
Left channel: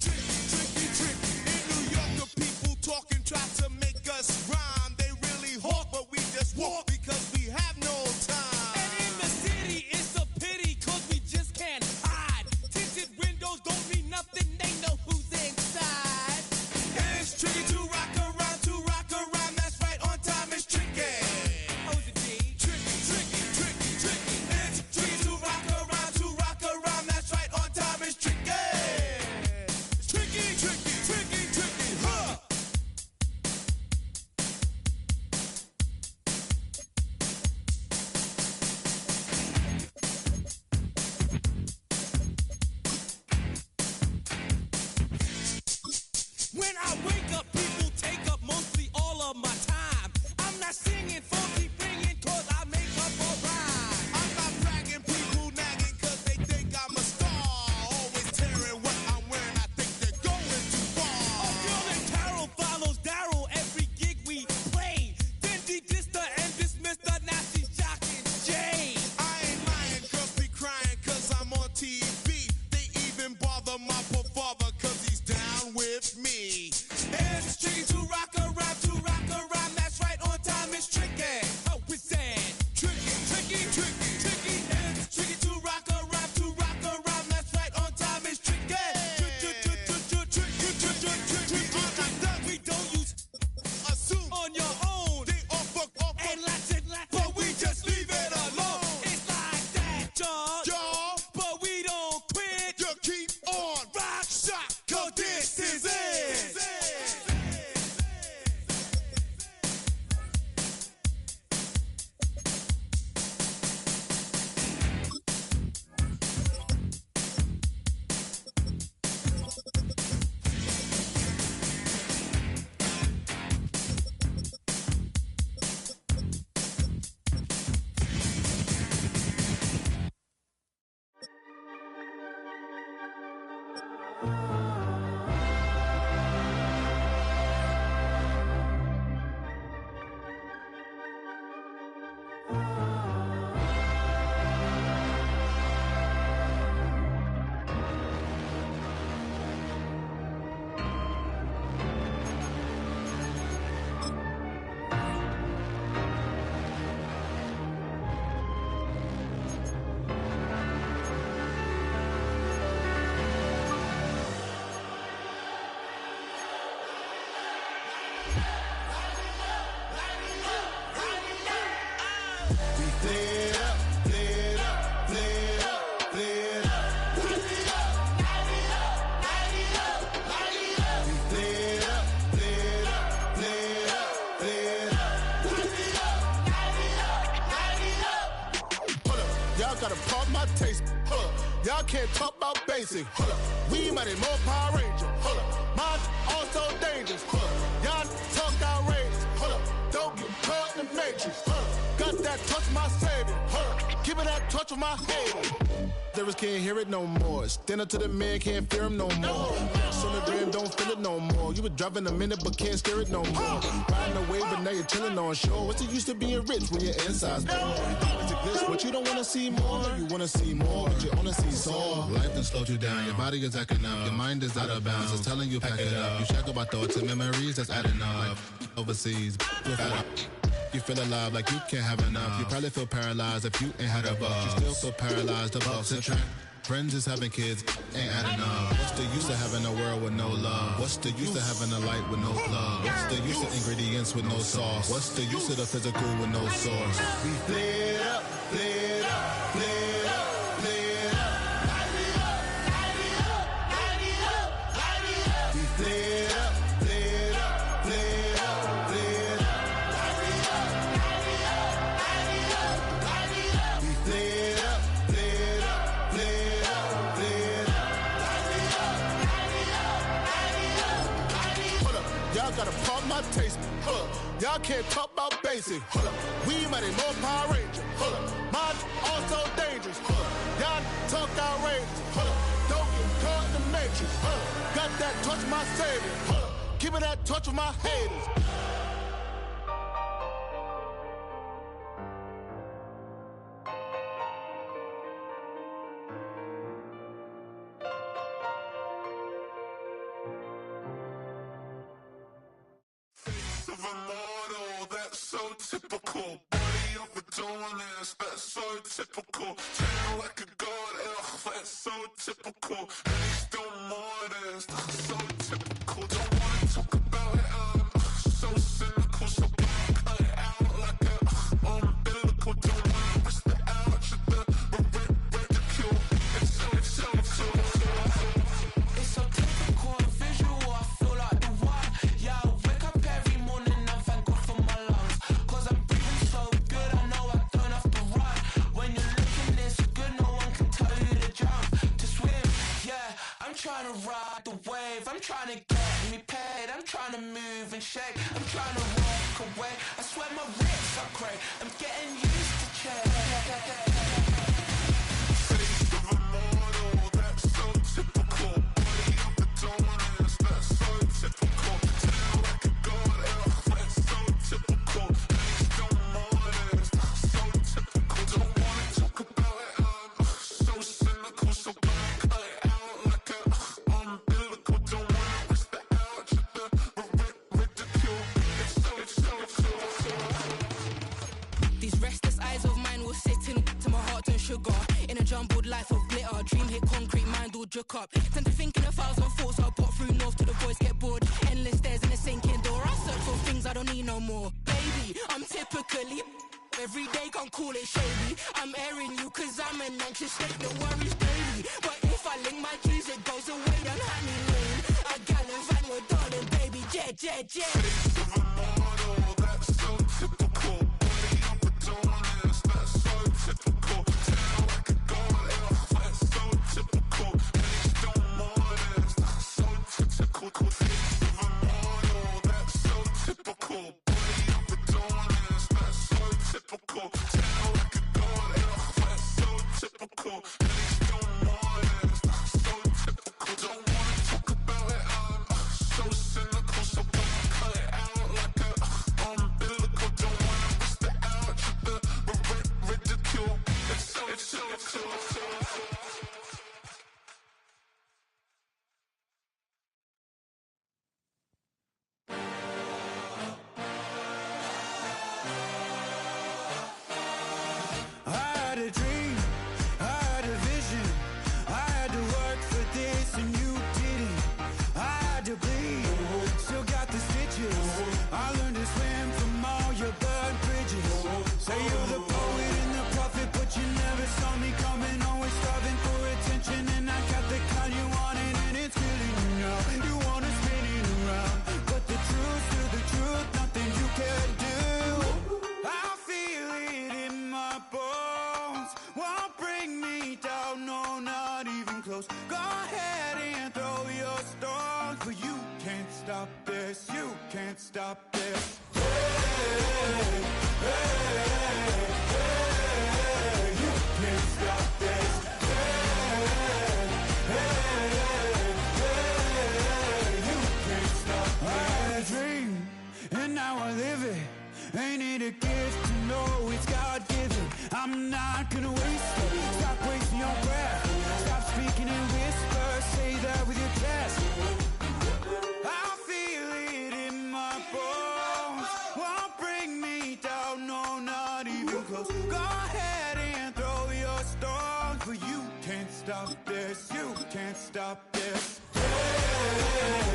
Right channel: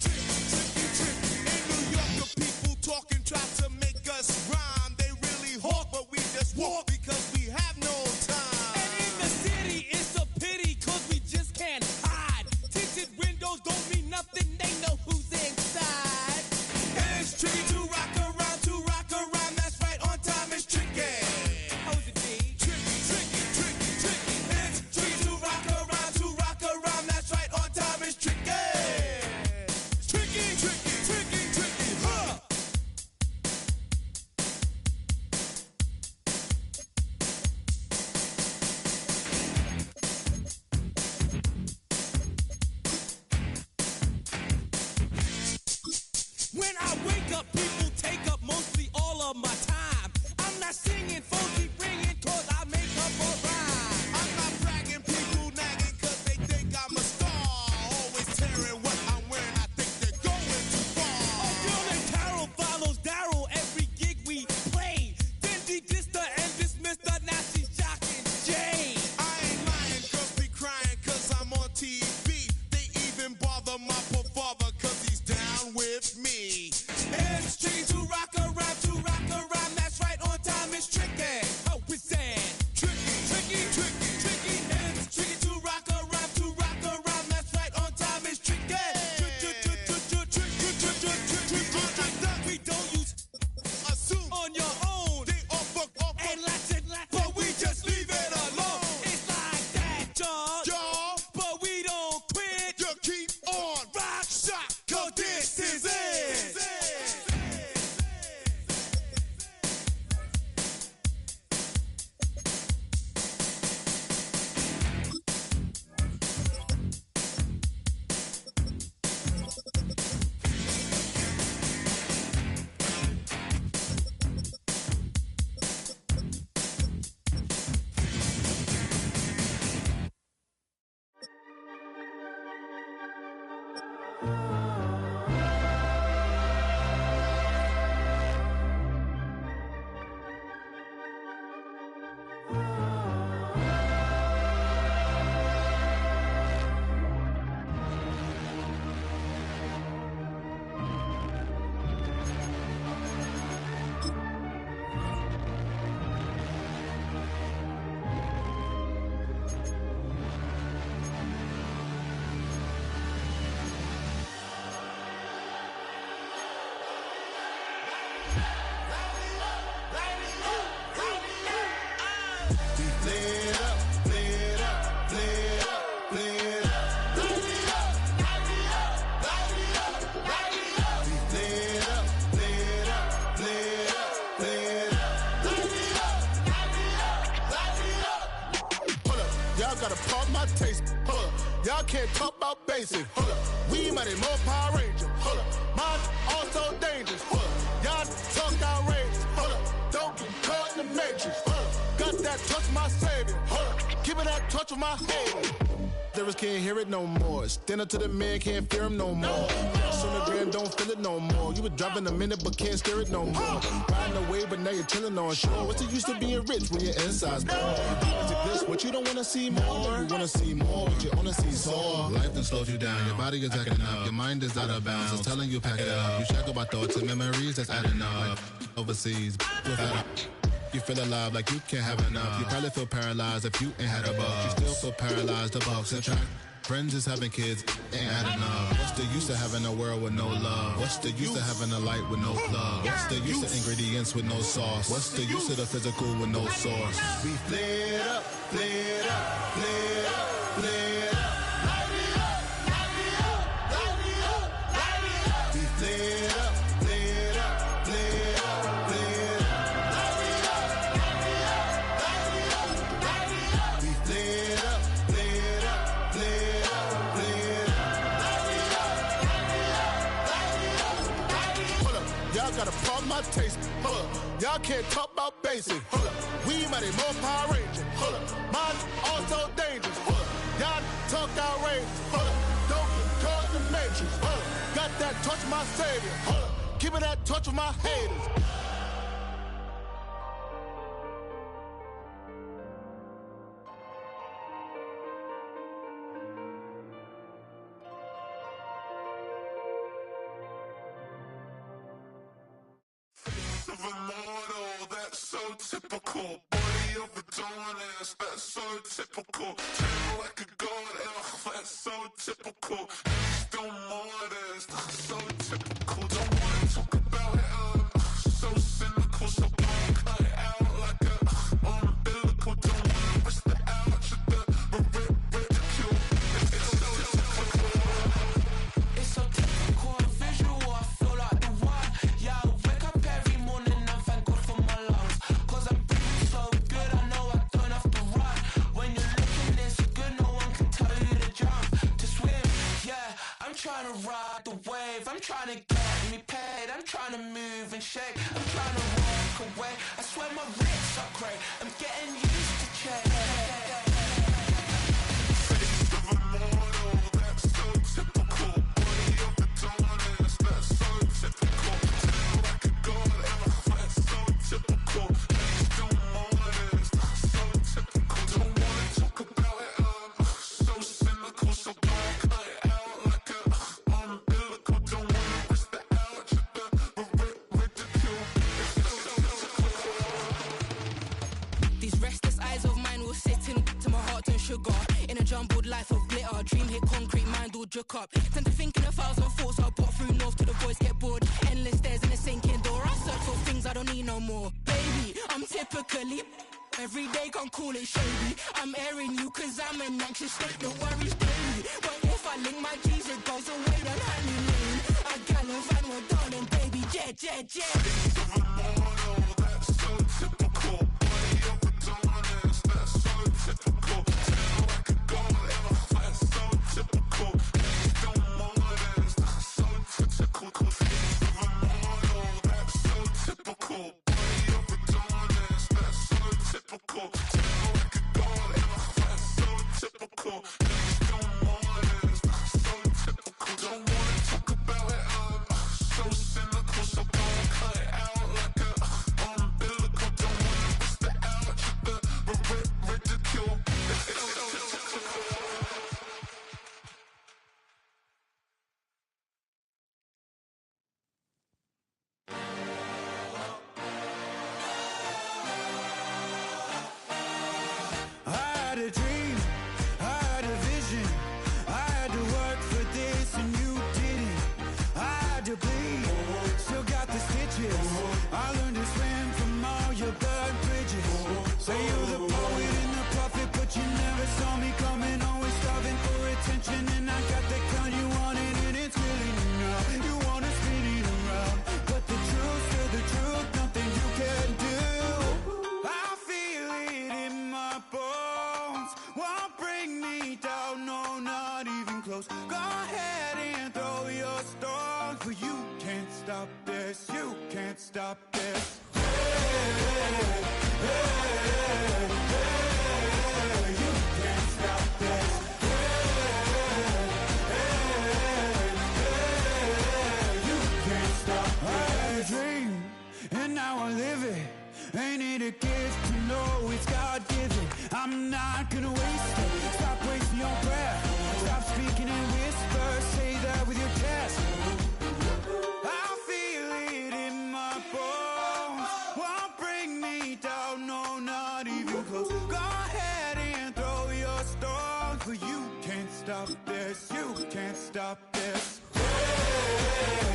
Tricky. In New York, the people talking try to make us rhyme. They really hawk, but we just walk because we have no time. And in the city, it's a pity, cause we just can't hide. Tinted windows don't mean nothing, they know who's inside. We flared up, flared up, flared up, flared up. We flared up, flared up, flared up, flared up. Hold up, y'all gotta pump my taste. Hold up, y'all can't talk about basic. Hold up, we mighty more Power Ranger. Hold up, mine also dangerous. Hold up, y'all talk outrageous. Hold up, don't get caught in the matrix. Hold up, got that touch my savior. Hold up, give me that touch with my haters. Lyrics can't hear it no more. Stand up to the man, can't fear him no more. Sonogram don't feel it no more. You were driving a minute but can't steer it no more. Riding away but now you're chilling on shore. What's the use of being rich when your inside's poor? Is it this what you don't wanna see more? No, you wanna see more but you only see sore. Life done slowed you down. Your body is acting up. Your mind is out of bounds. It's telling you pack it up. You shackle by thoughts and memories that's adding up. Like overseas. You feel alive like you can't have enough. You probably feel paralyzed if you ain't had a buck. You still feel paralyzed, the bucks and track. Friends is having kids, ain't adding up. What's the use of having a world with no love? What's the use of having a light with no plug? What's the use of ingredients with no sauce? What's the use of the physical with no source? We flared up, flared up, flared up, flared up. We flared up, flared up, flared up, flared up. We flared up, flared up, flared up, flared up. Hold up, y'all gotta pump my taste. Hold up, y'all can't talk about basic. Hold up, we mighty more Power Ranger. Hold up, mine also dangerous. Hold up, y'all talk outrageous. Hold up, don't get caught in the matrix. Hold up, got that touch my savior. Hold up, give me that touch with my haters. Of a model, that's so typical. Body of a dominance, that's so typical. Tail like a god, that's so typical. Still modest, that's so typical. Don't wanna talk about it, so cynical. So black, cut it out like a umbilical. Don't wanna risk the ouch of the ridicule. It's so typical, visual, I feel like the one. Yeah, I wake up every morning and thank God for my lungs. Cause I'm breathing so good, I know I don't have to run. When you're looking this good, no one can tell you to jump, to swim. Yeah, I'm trying to ride the wave. I'm trying to get me paid. I'm trying to move and shake. I'm trying to walk away. I swear my wrists are great. I'm getting used to change. Of a model, that's so typical. Body of the dominance, that's so typical. Tail like a god, that's so typical. Still modest, that's so typical. Don't wanna talk about it, so cynical. So black, cut it out like a umbilical. Don't wanna risk the ouch of the ridicule. It's so typical. These restless eyes of mine will sit in to my heart and sugar. In a jumbled life of glitter, dream hit concrete, mind all jerk up. Tend to think in 1,000 thoughts, I'll put through north to the voice, get bored. Endless stairs in a sinking door, I search for things I don't need no more. Baby, I'm typically every day, can't call it shady. I'm airing you cause I'm an anxious state, the worries daily. But if I link my G's, it goes away down Honey Lane. I gallivant with darling, baby, jet, jet, jet. Of a model, that's so typical. Body of a dominance, that's so typical. Tail like a god, that's so typical. Still modest, that's so typical. Of a model, that's so typical. Body of a dominance, that's so typical. Tail like a god, that's so typical. Still modest, that's so typical. Don't wanna talk about it, so cynical. So black, cut it out like Say you're the poet and the prophet, but you never saw me coming. Always starving for attention, and I got the kind you wanted, and it's killing you now. You wanna spin it around, but the truth's still the truth, nothing you can do. I feel it in my bones, won't bring me down, no, not even close. Go ahead and throw your stones, but you can't stop this, you can't stop this. Hey, hey, hey, you can't stop this. Hey, hey, hey, you can't stop this. I had a dream, and now I live it. Ain't it a gift to know it's God-given? I'm not gonna waste it. Stop wasting your breath. Stop speaking in whispers. Say that with your chest. I feel it in my bones, won't bring me down, no, not even close. Go ahead and throw your stones, but you can't stop this, you can't stop this. Hey.